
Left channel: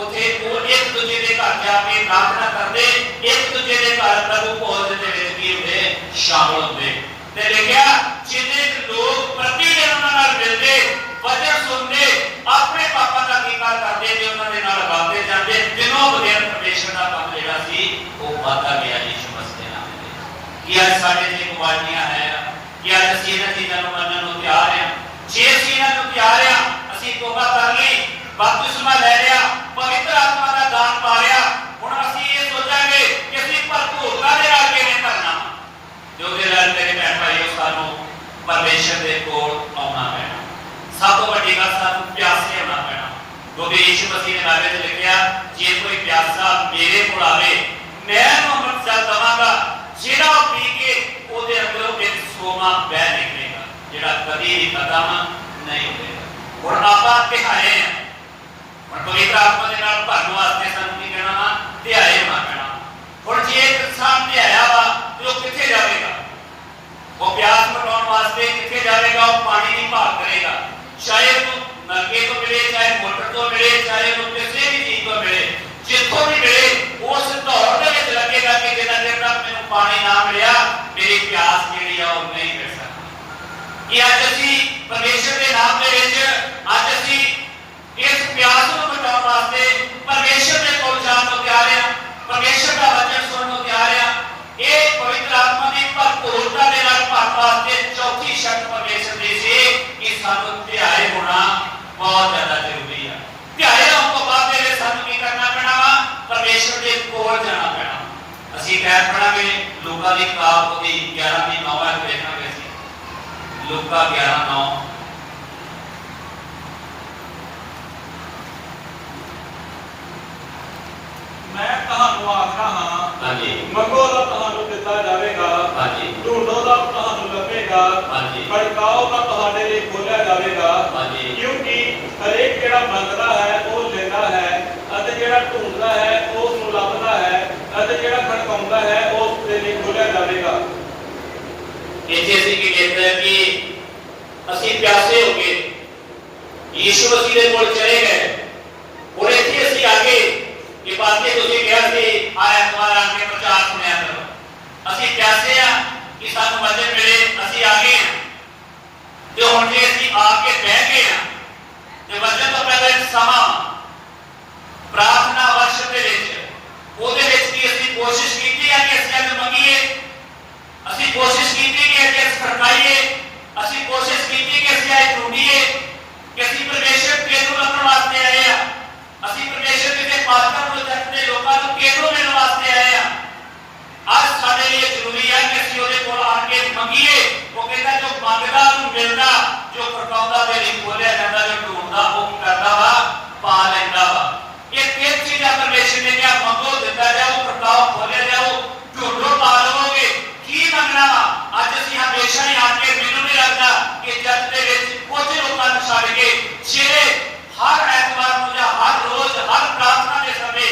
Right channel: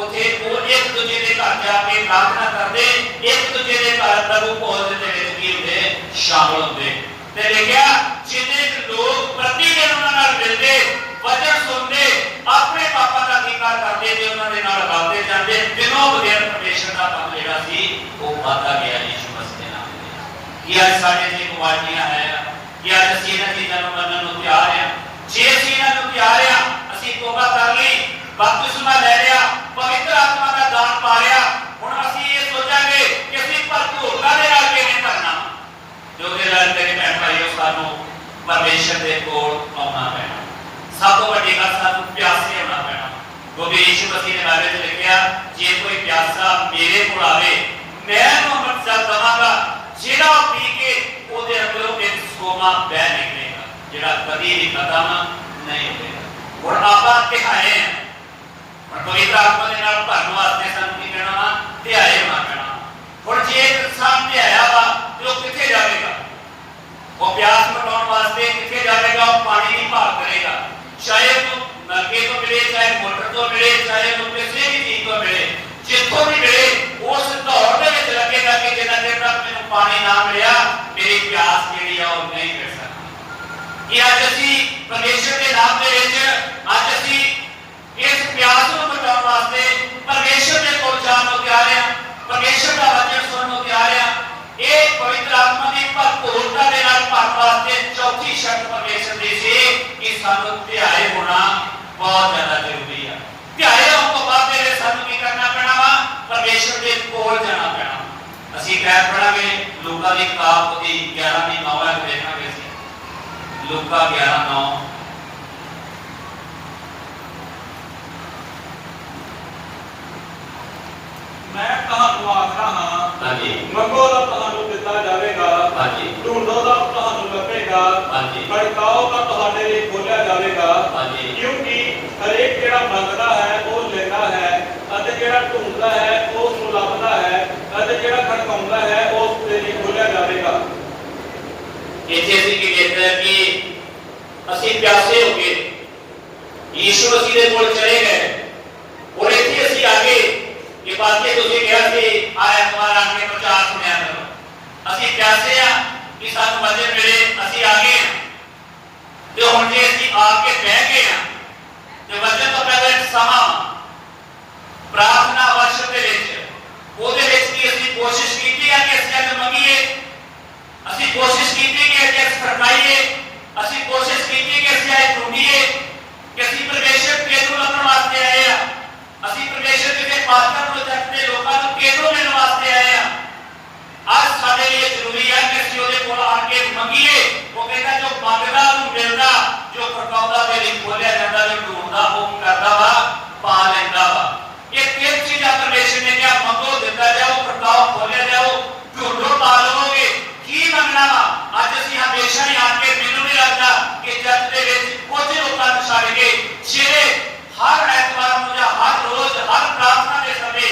ਉੱਥੇ ਉਹ ਇੱਕ ਦੂਜੇ ਦੇ ਘਰ ਜਾ ਕੇ ਪ੍ਰਾਰਥਨਾ ਕਰਦੇ, ਇੱਕ ਦੂਜੇ ਦੇ ਘਰ ਪ੍ਰਭੂ ਭੋਜ ਦੇ ਵਿੱਚ ਕੀ ਹੁੰਦੇ, ਸ਼ਾਮਲ ਹੁੰਦੇ। ਤੇ ਲਿਖਿਆ ਜਿੰਨੇ ਲੋਕ ਪ੍ਰਤੀ ਦਿਨ ਉਹਨਾਂ ਨਾਲ ਮਿਲਦੇ, ਵਚਨ ਸੁਣਦੇ, ਆਪਣੇ ਪਾਪਾਂ ਦਾ ਅੰਗੀਕਾਰ ਕਰਦੇ ਤੇ ਉਹਨਾਂ ਦੇ ਨਾਲ ਰਲਦੇ ਜਾਂਦੇ, ਦਿਨੋਂ ਦਿਨ ਪਰਮੇਸ਼ਰ ਦਾ ਕੰਮ ਜਿਹੜਾ ਸੀ ਉਹ ਵਧਦਾ ਗਿਆ ਯੀਸ਼ੂ ਮਸੀਹ ਦੇ ਨਾਮ ਤੇ। ਕੀ ਅੱਜ ਸਾਡੇ ਤੇ ਕੁਆਲਿਟੀਆਂ ਹੈ ਕਿ ਅੱਜ ਅਸੀਂ ਇਹਨਾਂ ਚੀਜ਼ਾਂ ਨੂੰ ਮੰਨਣ ਨੂੰ ਤਿਆਰ ਹਾਂ? ਜੇ ਅਸੀਂ ਇਹਨਾਂ ਨੂੰ ਤਿਆਰ ਹਾਂ, ਅਸੀਂ ਤੋਬਾ ਕਰ ਲਈ, बपतिस्मा ले लिया, पवित्र आत्मा का दान पा लिया, हुण असीं ये सोचांगे कि असीं भरपूरता दे नाल किवें भरना। जो कि लड़के के भैन भाईओ सानूं परमेश्वर दे कोल आउणा पैणा। सब तो वड्डी गल सानूं प्यासे होना पैणा, क्योंकि यीशु मसीह ने बाइबल च लिखिया जे कोई प्यासा मेरे कोल आवे मैं ਜਿਹੜਾ ਕਦੀ ਵੀ ਖਤਮ ਨਹੀਂ ਹੋਵੇਗਾ। ਹੁਣ ਆਪਾਂ ਧਿਆਏ ਆ, ਹੁਣ ਪਵਿੱਤਰ ਆਤਮਾ ਦੇ ਨਾਲ ਭਰਨ ਵਾਸਤੇ ਸਾਨੂੰ ਕੀ ਕਹਿਣਾ ਵਾ? ਧਿਆਏ ਹੋਣਾ ਪੈਣਾ। ਹੁਣ ਜੇ ਇਨਸਾਨ ਧਿਆਇਆ ਵਾ ਤੇ ਉਹ ਕਿੱਥੇ ਜਾਵੇਗਾ? ਉਹ ਪਿਆਸ ਮਿਟਾਉਣ ਵਾਸਤੇ ਕਿੱਥੇ ਜਾਵੇਗਾ? ਉਹ ਪਾਣੀ ਨਹੀਂ ਭਾਲ ਕਰੇਗਾ, ਚਾਹੇ ਉਹ ਨਲਕੇ ਤੋਂ ਮਿਲੇ, ਚਾਹੇ ਮੋਟਰ ਤੋਂ ਮਿਲੇ, ਚਾਹੇ ਉਹ ਕਿਸੇ ਵੀ ਚੀਜ਼ ਤੋਂ ਮਿਲੇ, ਜਿੱਥੋਂ ਵੀ ਮਿਲੇ ਉਸ ਦੌੜ ਦੇ ਵਿੱਚ ਲੱਗੇਗਾ ਕਿ ਜਿੰਨਾ ਚਿਰ ਤੱਕ ਮੈਨੂੰ ਪਾਣੀ ਨਾ ਮਿਲਿਆ ਮੇਰੀ ਪਿਆਸ ਜਿਹੜੀ ਆ ਉਹ ਨਹੀਂ ਮਿਟ ਸਕਦੀ। ਕਿ ਅੱਜ ਅਸੀਂ ਪਰਮੇਸ਼ਰ ਦੇ ਨਾਮ ਦੇ ਵਿੱਚ ਅੱਜ ਅਸੀਂ ਇਸ ਪਿਆਸ ਨੂੰ ਮਿਟਾਉਣ ਵਾਸਤੇ ਪਰਮੇਸ਼ਰ ਦੇ ਕੋਲ ਜਾਣ ਨੂੰ ਤਿਆਰ ਹਾਂ, ਪਰਮੇਸ਼ਰ ਦਾ ਵਚਨ ਸੁਣਨ ਨੂੰ ਤਿਆਰ ਹਾਂ। ਇਹ ਪਵਿੱਤਰ ਆਤਮਾ ਦੀ ਭਰਪੂਰਤਾ ਦੇ ਨਾਲ ਭਰਨ ਵਾਸਤੇ ਚੌਥੀ ਸ਼ਰਤ ਪਰਮੇਸ਼ਰ ਦੀ ਸੀ ਕਿ ਸਾਨੂੰ ਧਿਆਏ ਹੋਣਾ ਬਹੁਤ ਜ਼ਿਆਦਾ ਜ਼ਰੂਰੀ ਆ। ਧਿਆਏ ਹੋਣ ਤੋਂ ਬਾਅਦ ਜਿਹੜੇ ਸਾਨੂੰ ਕੀ ਕਰਨਾ ਪੈਣਾ ਵਾ? ਪਰਮੇਸ਼ਰ ਦੇ ਕੋਲ ਜਾਣਾ ਪੈਣਾ। ਅਸੀਂ ਕਹਿ ਪੜਾਂਗੇ ਲੋਕਾਂ ਦੀ ਕਿਤਾਬ ਦੀ 11 ਦੀ 9 ਹੈ, ਦੇਖਾਂਗੇ ਅਸੀਂ ਲੋਕਾਂ 11:9। ਮੈਂ ਤੁਹਾਨੂੰ ਆਖਦਾ ਹਾਂ, ਹਾਂਜੀ, ਮੰਗੋ ਤਾਂ ਤੁਹਾਨੂੰ ਦਿੱਤਾ ਜਾਵੇਗਾ, ਹਾਂਜੀ, ਢੂੰਡੋ ਤਾਂ ਤੁਹਾਨੂੰ ਲੱਭੇਗਾ, ਹਾਂਜੀ, ਖੜਕਾਓ ਤਾਂ ਤੁਹਾਡੇ ਲਈ ਖੋਲ੍ਹਿਆ ਜਾਵੇਗਾ। ਹਾਂਜੀ, ਕਿਉਂਕਿ ਹਰੇਕ ਜਿਹੜਾ ਮੰਗਦਾ ਹੈ ਉਹ ਲੈਂਦਾ ਹੈ, ਅਤੇ ਜਿਹੜਾ ਢੂੰਡਦਾ ਹੈ ਉਸ ਨੂੰ ਲੱਭਦਾ ਹੈ, ਅਤੇ ਜਿਹੜਾ ਖੜਕਾਉਂਦਾ ਹੈ ਉਸ ਦੇ ਲਈ ਖੋਲ੍ਹਿਆ ਜਾਵੇਗਾ। ਇੱਥੇ ਅਸੀਂ ਕੀ ਦੇਖਦੇ ਹਾਂ ਕਿ ਅਸੀਂ ਪਿਆਸੇ ਹੋ ਕੇ ਯੀਸ਼ੂ ਮਸੀਹ ਦੇ ਕੋਲ ਚਲੇ ਗਏ, ਔਰ ਇੱਥੇ ਅਸੀਂ ਆਗੇ ਇਹ ਬਾਤੇ ਤੁਸੀਂ ਕਿਹਾ ਸੀ ਆ ਐਤਵਾਰ ਆ ਕੇ ਪ੍ਰਚਾਰ ਸੁਣਿਆ ਕਰੋ। ਅਸੀਂ ਪਿਆਸੇ ਆ ਕਿ ਸਾਨੂੰ ਵਚਨ ਮਿਲੇ, ਅਸੀਂ ਆ ਗਏ ਹਾਂ ਤੇ ਹੁਣ ਜੇ ਅਸੀਂ ਆ ਕੇ ਬਹਿ ਗਏ ਹਾਂ ਤੇ ਵਚਨ ਤੋਂ ਪਹਿਲਾਂ ਇੱਕ ਸਮਾਂ ਪ੍ਰਾਰਥਨਾ ਵਰਸ਼ਿਪ ਦੇ ਵਿੱਚ ਉਹਦੇ ਵਿੱਚ ਵੀ ਅਸੀਂ ਕੋਸ਼ਿਸ਼ ਕੀਤੀ ਹੈ ਕਿ ਅਸੀਂ ਅੱਜ ਮੰਗੀਏ, ਅਸੀਂ ਕੋਸ਼ਿਸ਼ ਕੀਤੀ ਕਿ ਅਸੀਂ ਸਰਕਾਈਏ, ਅਸੀਂ ਕੋਸ਼ਿਸ਼ ਕੀਤੀ ਕਿ ਅਸੀਂ ਅੱਜ ਢੂੰਡੀਏ ਕਿ ਅਸੀਂ ਪਰਮੇਸ਼ਰ ਕਿਹਨੂੰ ਲੱਭਣ ਵਾਸਤੇ ਆਏ ਆ, ਅਸੀਂ ਪਰਮੇਸ਼ਰ ਦੇ ਪਾਸਟਰ ਪ੍ਰੋਜੈਕਟ ਦੇ ਲੋਕਾਂ ਨੂੰ ਕਿਹਨੂੰ ਲੈਣ ਵਾਸਤੇ ਆਏ ਆ। ਅੱਜ ਸਾਡੇ ਲਈ ਜ਼ਰੂਰੀ ਹੈ ਕਿ ਅਸੀਂ ਉਹਦੇ ਕੋਲ ਆ ਕੇ ਮੰਗੀਏ। ਉਹ ਕਹਿੰਦਾ ਜੋ ਮੰਗਦਾ ਨੂੰ ਮਿਲਦਾ, ਜੋ ਖੜਕਾਉਂਦਾ ਦੇ ਲਈ ਖੋਲਿਆ ਜਾਂਦਾ, ਜੋ ਢੂੰਡਦਾ ਉਹ ਕਰਦਾ ਵਾ ਪਾ ਲੈਂਦਾ ਵਾ। ਇਹ ਤਿੰਨ ਚੀਜ਼ਾਂ ਪਰਮੇਸ਼ਰ ਨੇ ਕਿਹਾ, ਮੰਗੋ ਦਿੱਤਾ ਜਾਊ, ਖੜਕਾਓ ਖੋਲਿਆ ਜਾਊ, ਢੂੰਡੋ ਪਾ ਲਵੋਗੇ। ਕੀ ਮੰਗਣਾ ਵਾ? ਅੱਜ ਅਸੀਂ ਹਮੇਸ਼ਾ ਹੀ ਆ ਕੇ ਮੈਨੂੰ ਨਹੀਂ ਲੱਗਦਾ ਕਿ ਜੱਜ ਦੇ ਵਿੱਚ ਕੁਝ ਲੋਕਾਂ ਨੂੰ ਛੱਡ ਕੇ ਜਿਹੜੇ ਹਰ ਐਤਵਾਰ ਨੂੰ ਜਾਂ ਹਰ ਰੋਜ਼ ਹਰ ਪ੍ਰਾਰਥਨਾ ਦੇ ਸਮੇਂ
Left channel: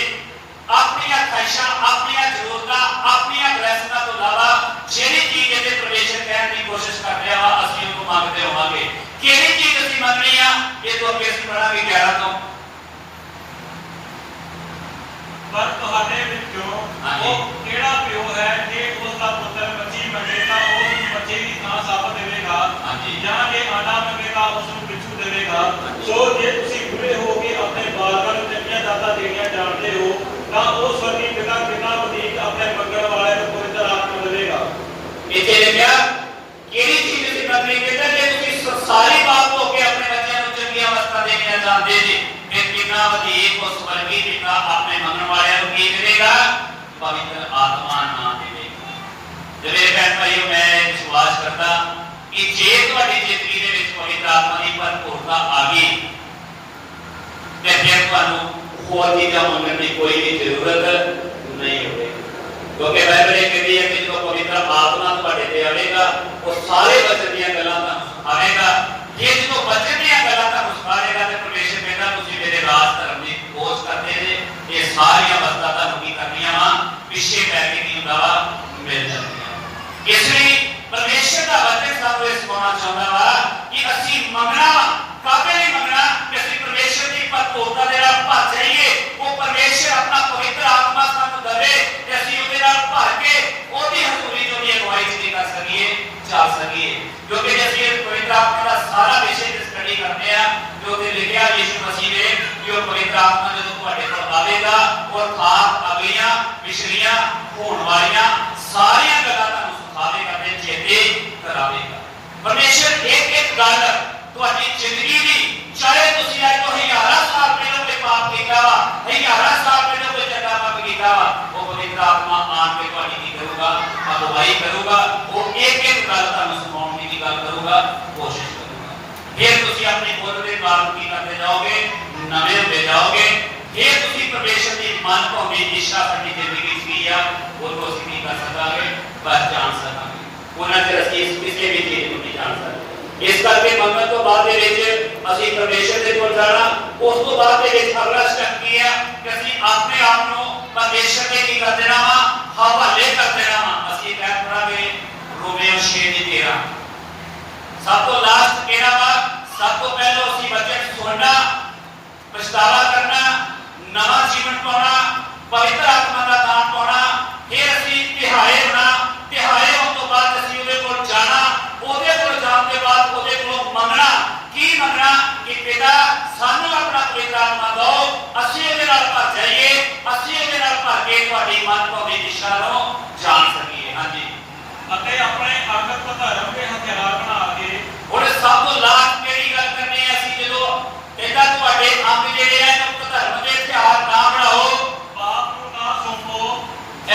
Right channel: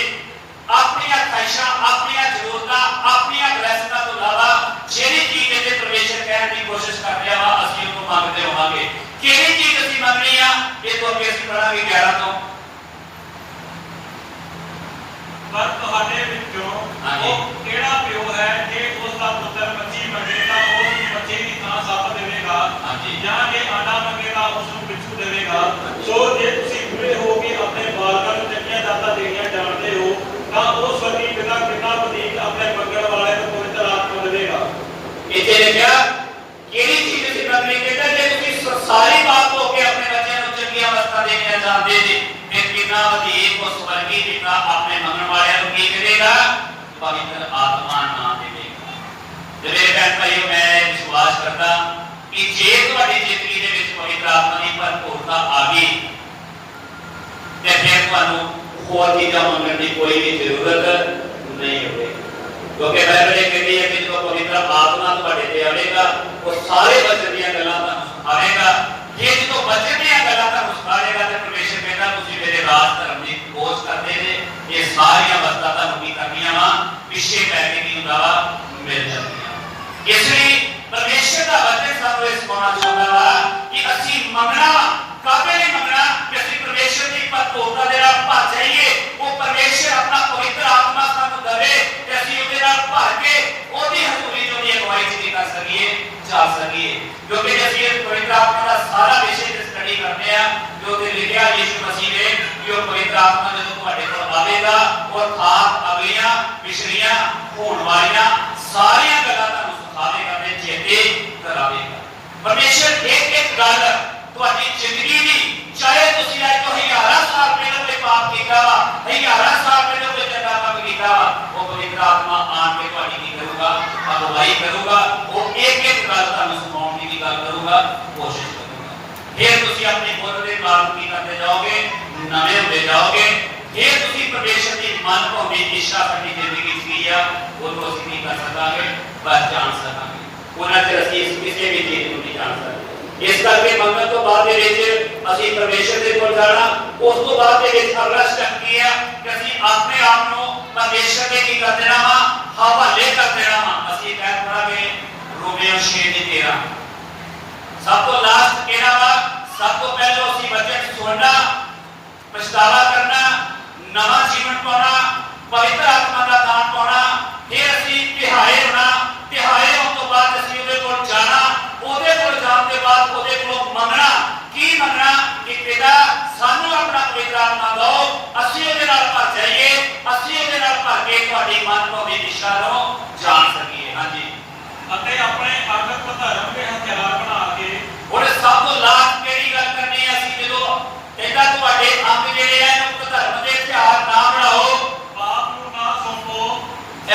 ਆਪਣੀਆਂ ਖਾਹਿਸ਼ਾਂ, ਆਪਣੀਆਂ ਜ਼ਰੂਰਤਾਂ, ਆਪਣੀਆਂ ਗ੍ਰਹਿਸਤਾਂ ਤੋਂ ਇਲਾਵਾ ਜਿਹੜੀ ਚੀਜ਼ ਇੱਥੇ ਪਰਮੇਸ਼ਰ ਕਹਿਣ ਦੀ ਕੋਸ਼ਿਸ਼ ਕਰ ਰਿਹਾ ਵਾ ਅਸੀਂ ਉਹਨੂੰ ਮੰਗਦੇ ਹੋਵਾਂਗੇ। ਕਿਹੜੀ ਚੀਜ਼ ਅਸੀਂ ਮੰਗਣੀ ਆ? ਇਹ ਤੋਂ ਅੱਗੇ ਅਸੀਂ ਪੜਾਂਗੇ 11 ਤੋਂ। ਪਰ ਤੁਹਾਡੇ ਵਿੱਚੋਂ ਉਹ ਕਿਹੜਾ ਪਿਓ ਹੈ ਜੇ ਉਸ ਦਾ ਪੁੱਤਰ ਮੱਛੀ ਮੰਗੇ ਤਾਂ ਉਸ ਨੂੰ ਮੱਛੀ ਦੀ ਥਾਂ ਸੱਪ ਦੇਵੇਗਾ, ਜਾਂ ਜੇ ਆਂਡਾ ਮੰਗੇਗਾ ਉਸ ਨੂੰ ਪਿੱਛੂ ਦੇਵੇਗਾ। ਸੋ ਜੇ ਤੁਸੀਂ ਬੁੱਢੇ ਹੋ ਕੇ ਆਪਣੇ ਬਾਲਕਾਂ ਨੂੰ ਚੰਗੀਆਂ ਦਾਤਾਂ ਦੇਣੀਆਂ ਜਾਣਦੇ ਹੋ ਤਾਂ ਉਹ ਸਵਰਗੀ ਪਿਤਾ ਕਿੰਨਾ ਵਧੇਰੇ ਆਪਣੇ ਮੰਗਣ ਵਾਲਿਆਂ ਨੂੰ ਪਵਿੱਤਰ ਆਤਮਾ ਦੇਵੇਗਾ। ਇੱਥੇ ਲਿਖਿਆ ਕਿਹੜੀ ਚੀਜ਼ ਅਸੀਂ ਮੰਗਣੀ? ਕਹਿੰਦਾ ਜੇ ਤੁਸੀਂ ਸਾਰੀ ਬਾਤ ਹੋ ਕੇ ਆਪਣੇ ਬੱਚਿਆਂ ਨੂੰ ਚੰਗੀਆਂ ਵਸਤਾਂ ਦੇਣੀਆਂ ਜਾਣਦੇ ਜੀ, ਫਿਰ ਕਿੰਨਾ ਵਧੇਰੇ ਉਹ ਸਵਰਗੀ ਪਿਤਾ ਆਪਣੇ ਮੰਗਣ ਵਾਲਿਆਂ ਨੂੰ ਕੀ ਮਿਲੇਗਾ? ਪਵਿੱਤਰ ਆਤਮਾ ਨਾਮ ਦੇਵੇਗਾ। ਜਿਹੜੇ ਭੈਣ ਭਾਈਓ, ਮੈਂ ਵਿਸ਼ਵਾਸ ਕਰਦਾ ਕਿ ਜੇ ਤੁਹਾਡੀ ਜ਼ਿੰਦਗੀ ਦੇ ਵਿੱਚ ਪਵਿੱਤਰ ਆਤਮਾ ਦੀ ਭਰਪੂਰਤਾ ਆ ਗਈ ਤੇ ਫਿਰ ਤੁਹਾਨੂੰ ਹੋਰ ਚੀਜ਼ਾਂ ਮੰਗਣ ਦੀ ਕੋਈ ਵੀ ਜ਼ਰੂਰਤ ਨਹੀਂ ਹੋਵੇਗੀ। ਕਿਉਂਕਿ ਬਾਈਬਲ ਇਹ ਕਹਿੰਦੀ ਹੈ ਕਿ ਜਦੋਂ ਪਵਿੱਤਰ ਆਤਮਾ ਤੁਹਾਡੇ ਤੇ ਆਵੇਗਾ ਉਹ ਸਾਰੇ ਵਚਨ ਦੀਆਂ ਗੱਲਾਂ ਤੁਹਾਨੂੰ ਸਿਖਾਵੇਗਾ। ਜੇ ਜਦੋਂ ਵਚਨ ਦੀਆਂ ਗੱਲਾਂ ਤੁਹਾਨੂੰ ਸਿਖਾਵੇਗਾ ਤੇ ਪਰਮੇਸ਼ਰ ਕਹਿੰਦਾ ਤੁਸੀਂ ਮੇਰੇ ਰਾਜ ਧਰਮ ਦੀ ਖੋਜ ਕਰਦੇ ਜੇ, ਇਹ ਸਾਰੀਆਂ ਵਸਤਾਂ ਤੁਹਾਨੂੰ ਕੀ ਕਰਨੀਆਂ ਵਾ? ਪਿੱਛੇ ਪੈ ਕੇ ਕੀ ਹੁੰਦਾ ਵਾ? ਮਿਲ ਜਾਂਦੀਆਂ। ਇਸ ਲਈ ਪਰਮੇਸ਼ਰ ਦਾ ਵਚਨ ਸਾਨੂੰ ਇਹ ਸਿਖਾਉਣਾ ਚਾਹੁੰਦਾ ਵਾ ਕਿ ਅਸੀਂ ਮੰਗਣਾ ਵਾ। ਕਾਹਦੇ ਲਈ ਮੰਗਣਾ? ਕਿ ਅਸੀਂ ਪਰਮੇਸ਼ਰ ਦੀ ਭਰਪੂਰਤਾ ਦੇ ਨਾਲ ਭਰ ਜਾਈਏ। ਉਹ ਪਰਮੇਸ਼ਰ ਆਪਣਾ ਪਵਿੱਤਰ ਆਤਮਾ ਸਾਨੂੰ ਦੇਵੇ ਤੇ ਅਸੀਂ ਉਹਦੇ ਨਾਲ ਭਰ ਕੇ ਉਹਦੀ ਹਜ਼ੂਰੀ ਜੋ ਦੀ ਅਗਵਾਈ ਦੀ ਕਰ ਸਕੀਏ, ਚੱਲ ਸਕੀਏ। ਕਿਉਂਕਿ ਜੇ ਅਸੀਂ ਇਸ ਪਵਿੱਤਰ ਆਤਮਾ ਦਾ ਸਾਰਾ ਵਿਸ਼ੇ ਦੀ ਸਟੱਡੀ ਕਰਦੇ ਆ ਜੋ ਤੇ ਲਿਖਿਆ ਯਿਸੂ ਮਸੀਹ ਨੇ ਕਿ ਉਹ ਪਵਿੱਤਰ ਆਤਮਾ ਜਦੋਂ ਤੁਹਾਡੇ ਕੋਲ ਆਵੇਗਾ ਉਹ ਖਾਸ ਅਗਲੀਆਂ ਪਿਛਲੀਆਂ ਹੋਣ ਵਾਲੀਆਂ ਸਾਰੀਆਂ ਗੱਲਾਂ ਤੁਹਾਨੂੰ ਸਿਖਾਵੇਗਾ ਤੇ ਚੇਤੇ ਕਰਾਵੇਗਾ। ਪਰਮੇਸ਼ਰ ਇੱਕ ਗੱਲ ਤੁਹਾਡੀ ਜ਼ਿੰਦਗੀ ਦੀ, ਚਾਹੇ ਤੁਸੀਂ ਅੱਜ ਤੋਂ 1000 ਸਾਲ ਪਹਿਲਾਂ ਕੋਈ ਪਾਪ ਕੀਤਾ ਵਾ, 1000 ਸਾਲ ਪਹਿਲਾਂ ਕੋਈ ਚੰਗਾ ਕੰਮ ਕੀਤਾ ਵਾ, ਉਹ ਪਵਿੱਤਰ ਆਤਮਾ ਆਣ ਕੇ ਤੁਹਾਡੀ ਕੀ ਕਰੂਗਾ? ਅਗਵਾਈ ਕਰੂਗਾ। ਉਹ ਇੱਕ ਗੱਲ ਤੁਹਾਨੂੰ ਸੁਣਾਉਣ ਦੀ ਗੱਲ ਕਰੂਗਾ, ਕੋਸ਼ਿਸ਼ ਕਰੂਗਾ। ਫਿਰ ਤੁਸੀਂ ਆਪਣੀ ਖੁਦ ਦੇ ਬਾਰੇ ਕੀ ਕਰਦੇ ਜਾਓਗੇ? ਨਵੇਂ ਹੁੰਦੇ ਜਾਓਗੇ। ਫਿਰ ਤੁਸੀਂ ਪਰਮੇਸ਼ਰ ਦੀ ਮਨ ਭਾਉਂਦੀ ਇੱਛਾ ਸਾਡੀ ਜ਼ਿੰਦਗੀ ਵਿੱਚ ਕੀ ਆ ਉਹਨੂੰ ਅਸੀਂ ਕੀ ਕਰ ਸਕਾਂਗੇ? ਬਸ ਜਾਣ ਸਕਾਂਗੇ। ਉਹਨਾਂ ਚਿਰ ਅਸੀਂ ਕਿਸੇ ਵੀ ਚੀਜ਼ ਨੂੰ ਨਹੀਂ ਜਾਣ ਸਕਦੇ। इस करके मंगन तो बाद असीं परमेश्वर के कोल जाना। उस तो बाद अगला स्टेप की है कि असीं अपने आप को परमेश्वर के की कर देना वा, हवाले कर देना वा। असीं पैर पढ़ांगे रोमियो 6:13। सब तो लास्ट कहना वा, सब तो पहले असीं वचन सुनना, पछतावा करना, नवा जीवन पाना, पवित्र आत्मा का दान पाना, फिर असीं तिहाए होना। तिहाए होने तो बाद असीं उहदे कोल जाना, उहदे कोल जाण के बाद उहदे कोलों मंगना। की मंगना कि पिता सानू अपना पवित्र आत्मा दो, असीं उहदे नाल भर जाइए, असीं उहदे नाल भर के तुहाडी मन भावी दिशा नूं जाण सकीए। हाँ जी, ਅਤੇ ਆਪਣੇ ਅੰਗਤ ਧਰਮ ਦੇ ਹਥਿਆਰ ਬਣਾ ਕੇ और सब तो लास्ट केड़ी गल करनी है, असीं जदों कहंदा तुहाडे अंग जिहड़े आ मुक्त धर्म दे हथियार ना बनाओ, ਪਾਪ ਨੂੰ ਨਾ ਸੌਂਪੋ,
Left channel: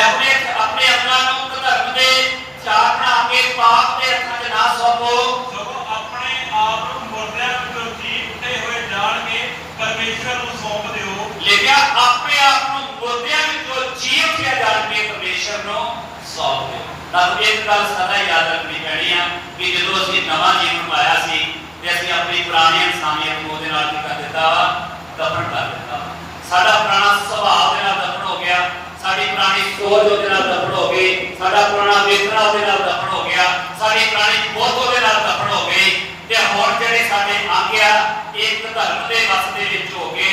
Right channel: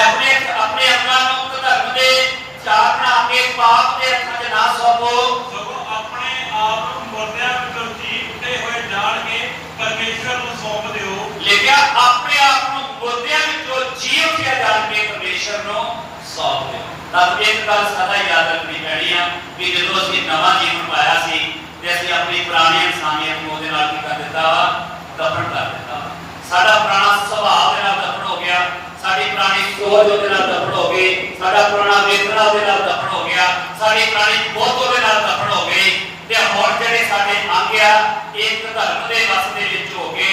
अपने अपने अंगां नूं मुक्त धर्म दे हथियार बना के पाप दे हत्थां 'च ना सौंपो, ਸਗੋਂ ਆਪਣੇ ਆਪ ਨੂੰ ਮੁਰਦਿਆਂ ਵਿੱਚੋਂ ਜੀ ਉੱਠੇ ਹੋਏ ਜਾਣ ਕੇ ਪਰਮੇਸ਼ਰ ਨੂੰ ਸੌਂਪ ਦਿਓ। लिखिया अपने आप को मुर्दियां विचों जी उठिया जाण के परमेश्वर नूं सौंप दिओ। तां एक गल सदा याद रखनी पैणी आ कि जदों असीं नवां जीवन पाया सी ते असीं अपनी पुरानी इंसानियत नूं उहदे नाल की कर दित्ता वा, दफन कर दित्ता। साडा पुराना सुभाव दे नाल दफन हो गया, साडी पुरानी सोच उहदे नाल दफन हो गई, साडा पुराना वेखना उहदे नाल दफन हो गया, साडी पुरानी बुद्ध उहदे नाल दफन हो गई। ते हुण जिहड़े साडे अंग आ एक धर्म दे वस दे विच हो के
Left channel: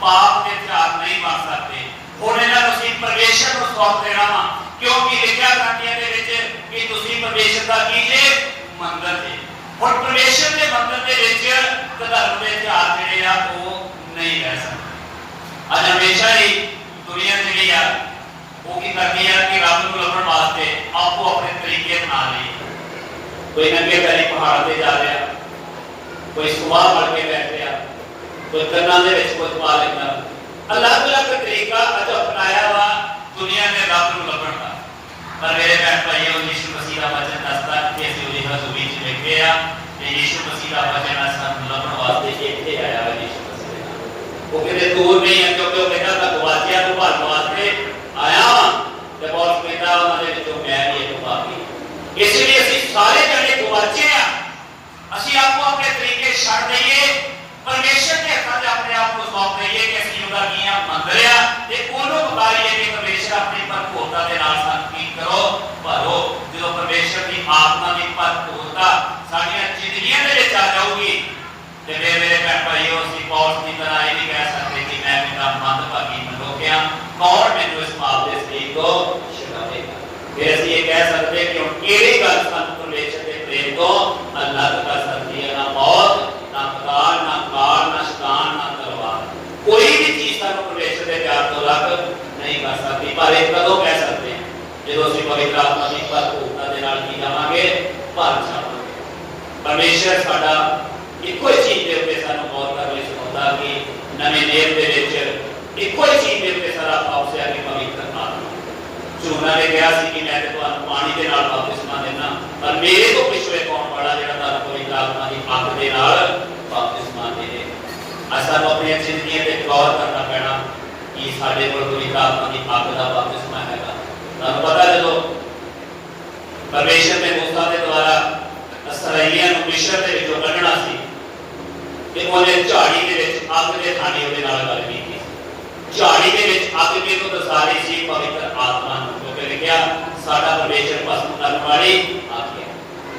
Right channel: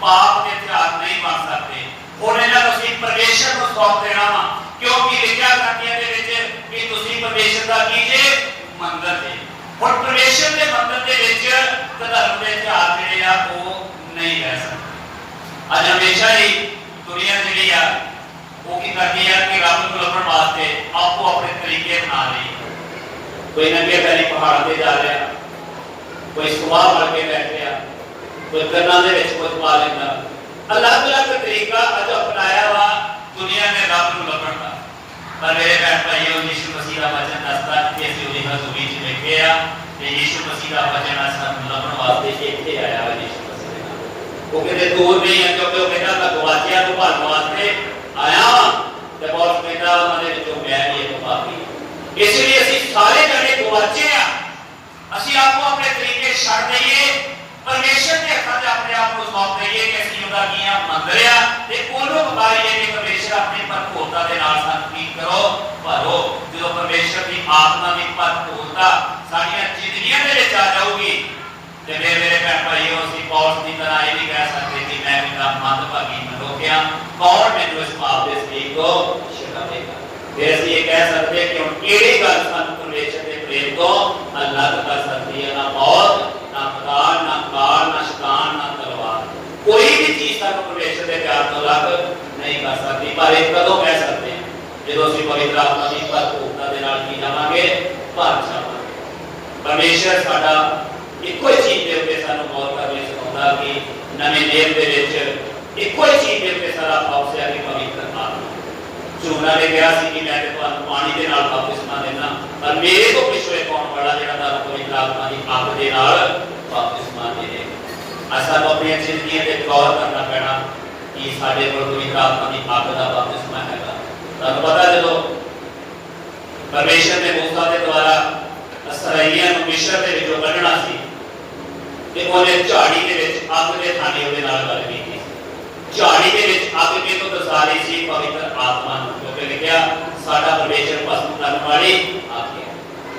पाप के हथियार नहीं बन सकते। हुण इन्हां नूं असीं परमेश्वर नूं सौंप देना वा, क्योंकि लिखिया ग्रंथियां दे विच कि तुसीं परमेश्वर दा की जे मंदर जे। हुण परमेश्वर दे मंदर दे विच धर्म दे हथियार जिहड़े आ ओह नहीं रह सकदे। अज हमेशा ही दुनिया जिहड़ी आ ओह की करदी आ कि रब नूं लभण वास्ते आपो अपने तरीके बना लई। कोई नंगे पैरी पहाड़ों से जा रहा, कोई सुबाह बढ़ के बैठ गया, कोई कन्ना दे विच कुछ पा लेंदा। अलग अलग तरीका अज अपनाया वा दुनिया ने रब नूं लभण दा। पर मेरे भैन भाइयों, यीशु मसीह का वचन दसदा कि असीं उहदी हज़ूरी च बैठे आ ते यीशु मसीह का वचन सानूं लभण वास्ते इत्थे आया है। यीशु मसीह वो किते दूर नहीं है, क्योंकि वो कहना तां गवाचियां नूं भालण वास्ते आया ते बहुत कहंदा उहनां दे विचों मैं भी एक पापी। इसलिए असीं सारे जने गवाचे आ, असीं आपको अपने तरीके छड्ड दईए, परमेश्वर के हत्थां 'च अपने आप को सौंप दईए कि असीं उहदा कीआं मंदर आ ते ओहनूं पुकारीए कि परमेश्वर अपनी भरपूरता दे नाल सानूं की करो भरो। जदों परमेश्वर की आत्मा की भरपूरता साडीआं जिंदगियां दे विच आ जाऊगी ते फिर मेरे भैन भाइयों, असीं पौलुस की तरह ये नहीं कह सकते कि मैं इन्ना मंदभागी मनुख आ, कौन मैनूं इस पाप दे सलीब तो छुड़ावेगा। फिर असीं ये कह सकते कि हुण किहड़ी गल सानूं परमेश्वर के प्रेम तो अलग कर सकती है? ना मौत, ना काल, ना काल, ना शैतान, ना तलवार, कोई भी चीज सानूं परमेश्वर के प्यार तो अलग नहीं कर सकती। पर एक कदों कह सकते हैं जदों असीं पवित्र आत्मा की भरपूरता दे नाल की जावांगे, भर जावांगे। परमेश्वर साडा इक्को ही चीज दे उत्ते सानूं गौर करने सिखाउंदा कि नवें नियम दे विच इक्को ही चीज दे उत्ते सारा पाप से आके पवित्र आत्मा। ਝੂਨਾ ने कहा कि मैं तुहानूं पानी दे नाल बपतिस्मा देना, पर मेरे तो पिछों एक आउण वाला जिहड़ा तुहानूं पवित्र आत्मा की अग दे नाल बपतिस्मा देवे। अज सानूं अपनी जिंदगी ते गौर करना पैना कि साडे कोल पवित्र आत्मा की अग दा बपतिस्मा हैगा। तुहानूं पता जदों परमेश्वर ने मूसा के द्वारा इसराइलियां नूं मिस्र दे विचों कढणा सी ते ओहने झाड़ी दे विच अग दे थाने उहदे नाल गल कीती। झाड़ी के विच अग के तो दसा रही सी पवित्र आत्मा नूं, क्योंकि लिखिया साडा परमेश्वर भस्म करने वाली अग है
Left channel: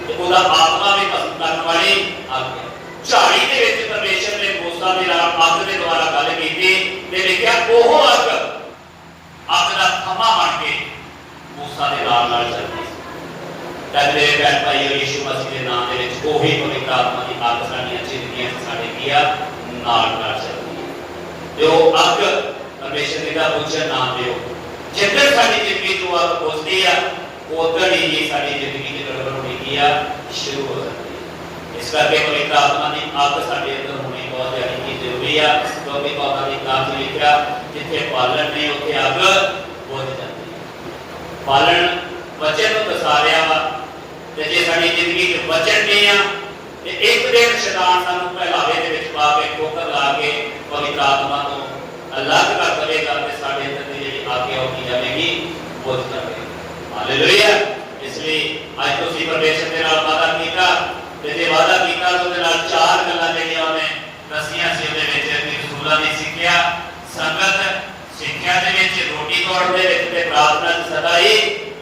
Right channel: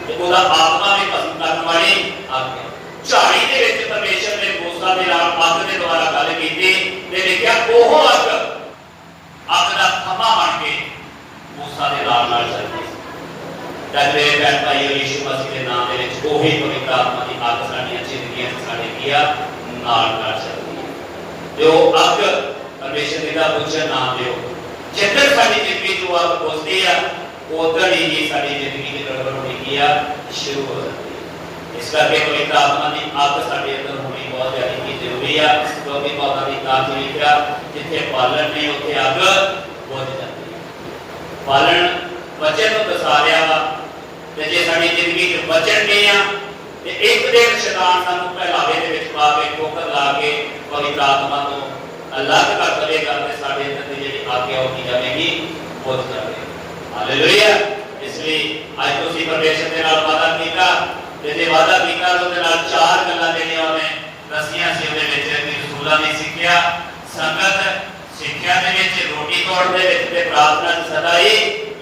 ते ओहदा आत्मा भी भस्म करने वाली अग है। झाड़ी के विच परमेश्वर ने मूसा दे नाल अग दे द्वारा गल कीती ते लिखिया ओह अग दा थमा बन के मूसा दे नाल चलदी। तां मेरे भैन भाई, यीशु मसीह के नाम दे विच ओही पवित्र आत्मा की अग साडीआं जिंदगियां च साडे की आ नाल चलदी है। जो अग परमेश्वर पिता पूजन नाम दिओ, जिधर साडी जिंदगी तो अग पुजदी आ उधर ही साडी जिंदगी की गड़बड़ होनी की आ शुरू हो जाती है। इस करके पवित्र आत्मा की अग साडे अंदर होनी बहुत ज्यादा जरूरी है, क्योंकि बाबा की किताब में लिखा जिथे पालन नहीं उत्थे अग बुझ जाती है। पालन वचन नूं दसा रहा वा ते जे साडी जिंदगी च वचन नहीं आ ते एक दिन शैतान सानूं पहलावे दे विच पा के ठोकर ला के पवित्र आत्मा तो अलग कर देगा ते साडे अंदर दी जिहड़ी आज्ञा होती जाएगी बुझ जाएगी। हालेलुया। इसलिए आज तुसीं परमेश्वर दे नाल वादा कीता ਤੇ ਜੇ ਵਾਅਦਾ ਕੀਤਾ ਉਹਦੇ ਨਾਲ 4 ਗੱਲਾਂ ਜਿਹੜੀਆਂ ਉਹਨੇ ਦੱਸੀਆਂ ਸੀ ਉਹਦੇ ਵਿੱਚ ਕਿ ਰਸੂਲਾਂ ਦੀ ਸਿੱਖਿਆ, ਸੰਗਤ, ਸਿੱਖਿਆ ਦੇ ਵਿੱਚ, ਰੋਟੀ ਖਾਣ ਦੇ ਵਿੱਚ ਤੇ ਪ੍ਰਾਰਥਨਾ ਚ ਸਦਾ ਹੀ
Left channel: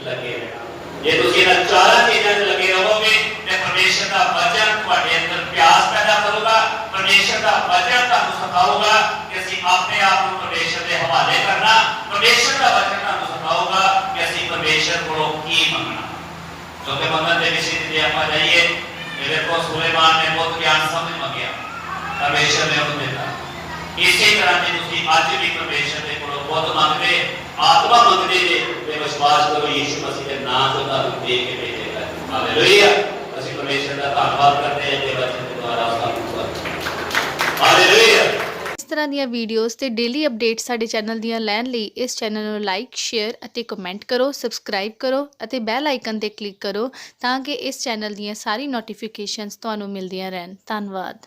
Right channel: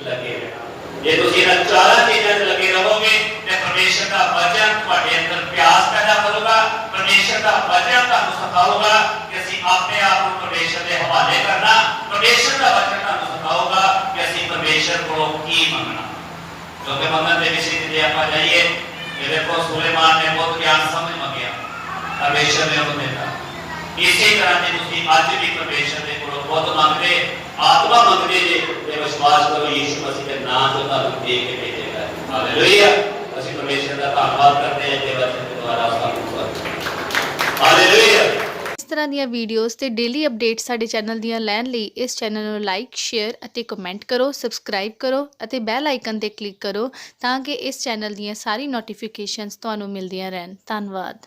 ਲੱਗੇ ਰਹਿਣਾ। ਜੇ ਤੁਸੀਂ ਇਹਨਾਂ 4 ਚੀਜ਼ਾਂ 'ਚ ਲੱਗੇ ਰਹੋਗੇ ਤੇ ਪਰਮੇਸ਼ਰ ਦਾ ਵਚਨ ਤੁਹਾਡੇ ਅੰਦਰ ਪਿਆਸ ਪੈਦਾ ਕਰੂਗਾ। ਪਰਮੇਸ਼ਰ ਦਾ ਵਚਨ ਤੁਹਾਨੂੰ ਸਿਖਾਊਗਾ ਕਿ ਅਸੀਂ ਆਪਣੇ ਆਪ ਨੂੰ ਪਰਮੇਸ਼ਰ ਦੇ ਹਵਾਲੇ ਕਰਨਾ। ਪਰਮੇਸ਼ਰ ਦਾ ਵਚਨ ਤੁਹਾਨੂੰ ਸਿਖਾਊਗਾ ਕਿ ਅਸੀਂ ਪਰਮੇਸ਼ਰ ਕੋਲੋਂ ਕੀ ਮੰਗਣਾ। ਕਿਉਂਕਿ ਮੰਗਣ ਦੇ ਵਿਸ਼ੇ ਤੇ ਆਪਾਂ ਜਾਈਏ ਕਿ ਦੇਖੋ ਸੁਲੇਮਾਨ ਨੇ ਬਹੁਤ ਗਿਆਨ ਸਮਝ ਮੰਗਿਆ, ਪਰਮੇਸ਼ਰ ਨੇ ਉਹਨੂੰ ਦਿੱਤਾ। ਇਸੇ ਤਰ੍ਹਾਂ ਜੇ ਤੁਸੀਂ ਅੱਜ ਵੀ ਪਰਮੇਸ਼ਰ ਦੇ ਕੋਲੋਂ ਬਹੁਤ ਮੰਗਦੇ, ਆਤਮਾ ਮੰਗਦੇ ਜੇ ਤੇ ਵਿਸ਼ਵਾਸ ਕਰੋ ਯਿਸੂ ਮਸੀਹ ਦੇ ਨਾਮ ਤੋਂ ਤੁਹਾਨੂੰ ਦੇ ਕੇ ਭੇਜੇਗਾ। ਹਾਲੇਲੂਇਆ। ਅਸੀਂ ਪਰਮੇਸ਼ਰ ਦਾ ਧੰਨਵਾਦ ਕਰਦੇ ਹਾਂ ਕਿ ਵਚਨ ਦੇ ਦੁਆਰਾ ਸਾਨੂੰ ਹਾਲੇਲੂਇਆ। ਇਸ ਤਰ੍ਹਾਂ ਦੀਆਂ ਵੀਡੀਓਜ਼ ਤੇ ਡੇਲੀ ਅਪਡੇਟ ਸਾਡੇ ਚੈਨਲ ਦੀਆਂ ਲੈਣ ਲਈ ਇਸ ਚੈਨਲ ਨੂੰ ਲਾਈਕ, ਸ਼ੇਅਰ ਅਤੇ ਕਮੈਂਟ ਕਰੋ, ਸਬਸਕ੍ਰਾਈਬ ਕਰੋ ਅਤੇ ਬੈਲ ਆਈਕਨ ਤੇ ਕਲਿੱਕ ਕਰੋ ਤਾਂ ਕਿ ਇਸ ਚੈਨਲ ਦੀਆਂ ਸਾਰੀ ਨੋਟੀਫਿਕੇਸ਼ਨਸ ਤੁਹਾਨੂੰ ਮਿਲਦੀਆਂ ਰਹਿਣ। ਧੰਨਵਾਦ।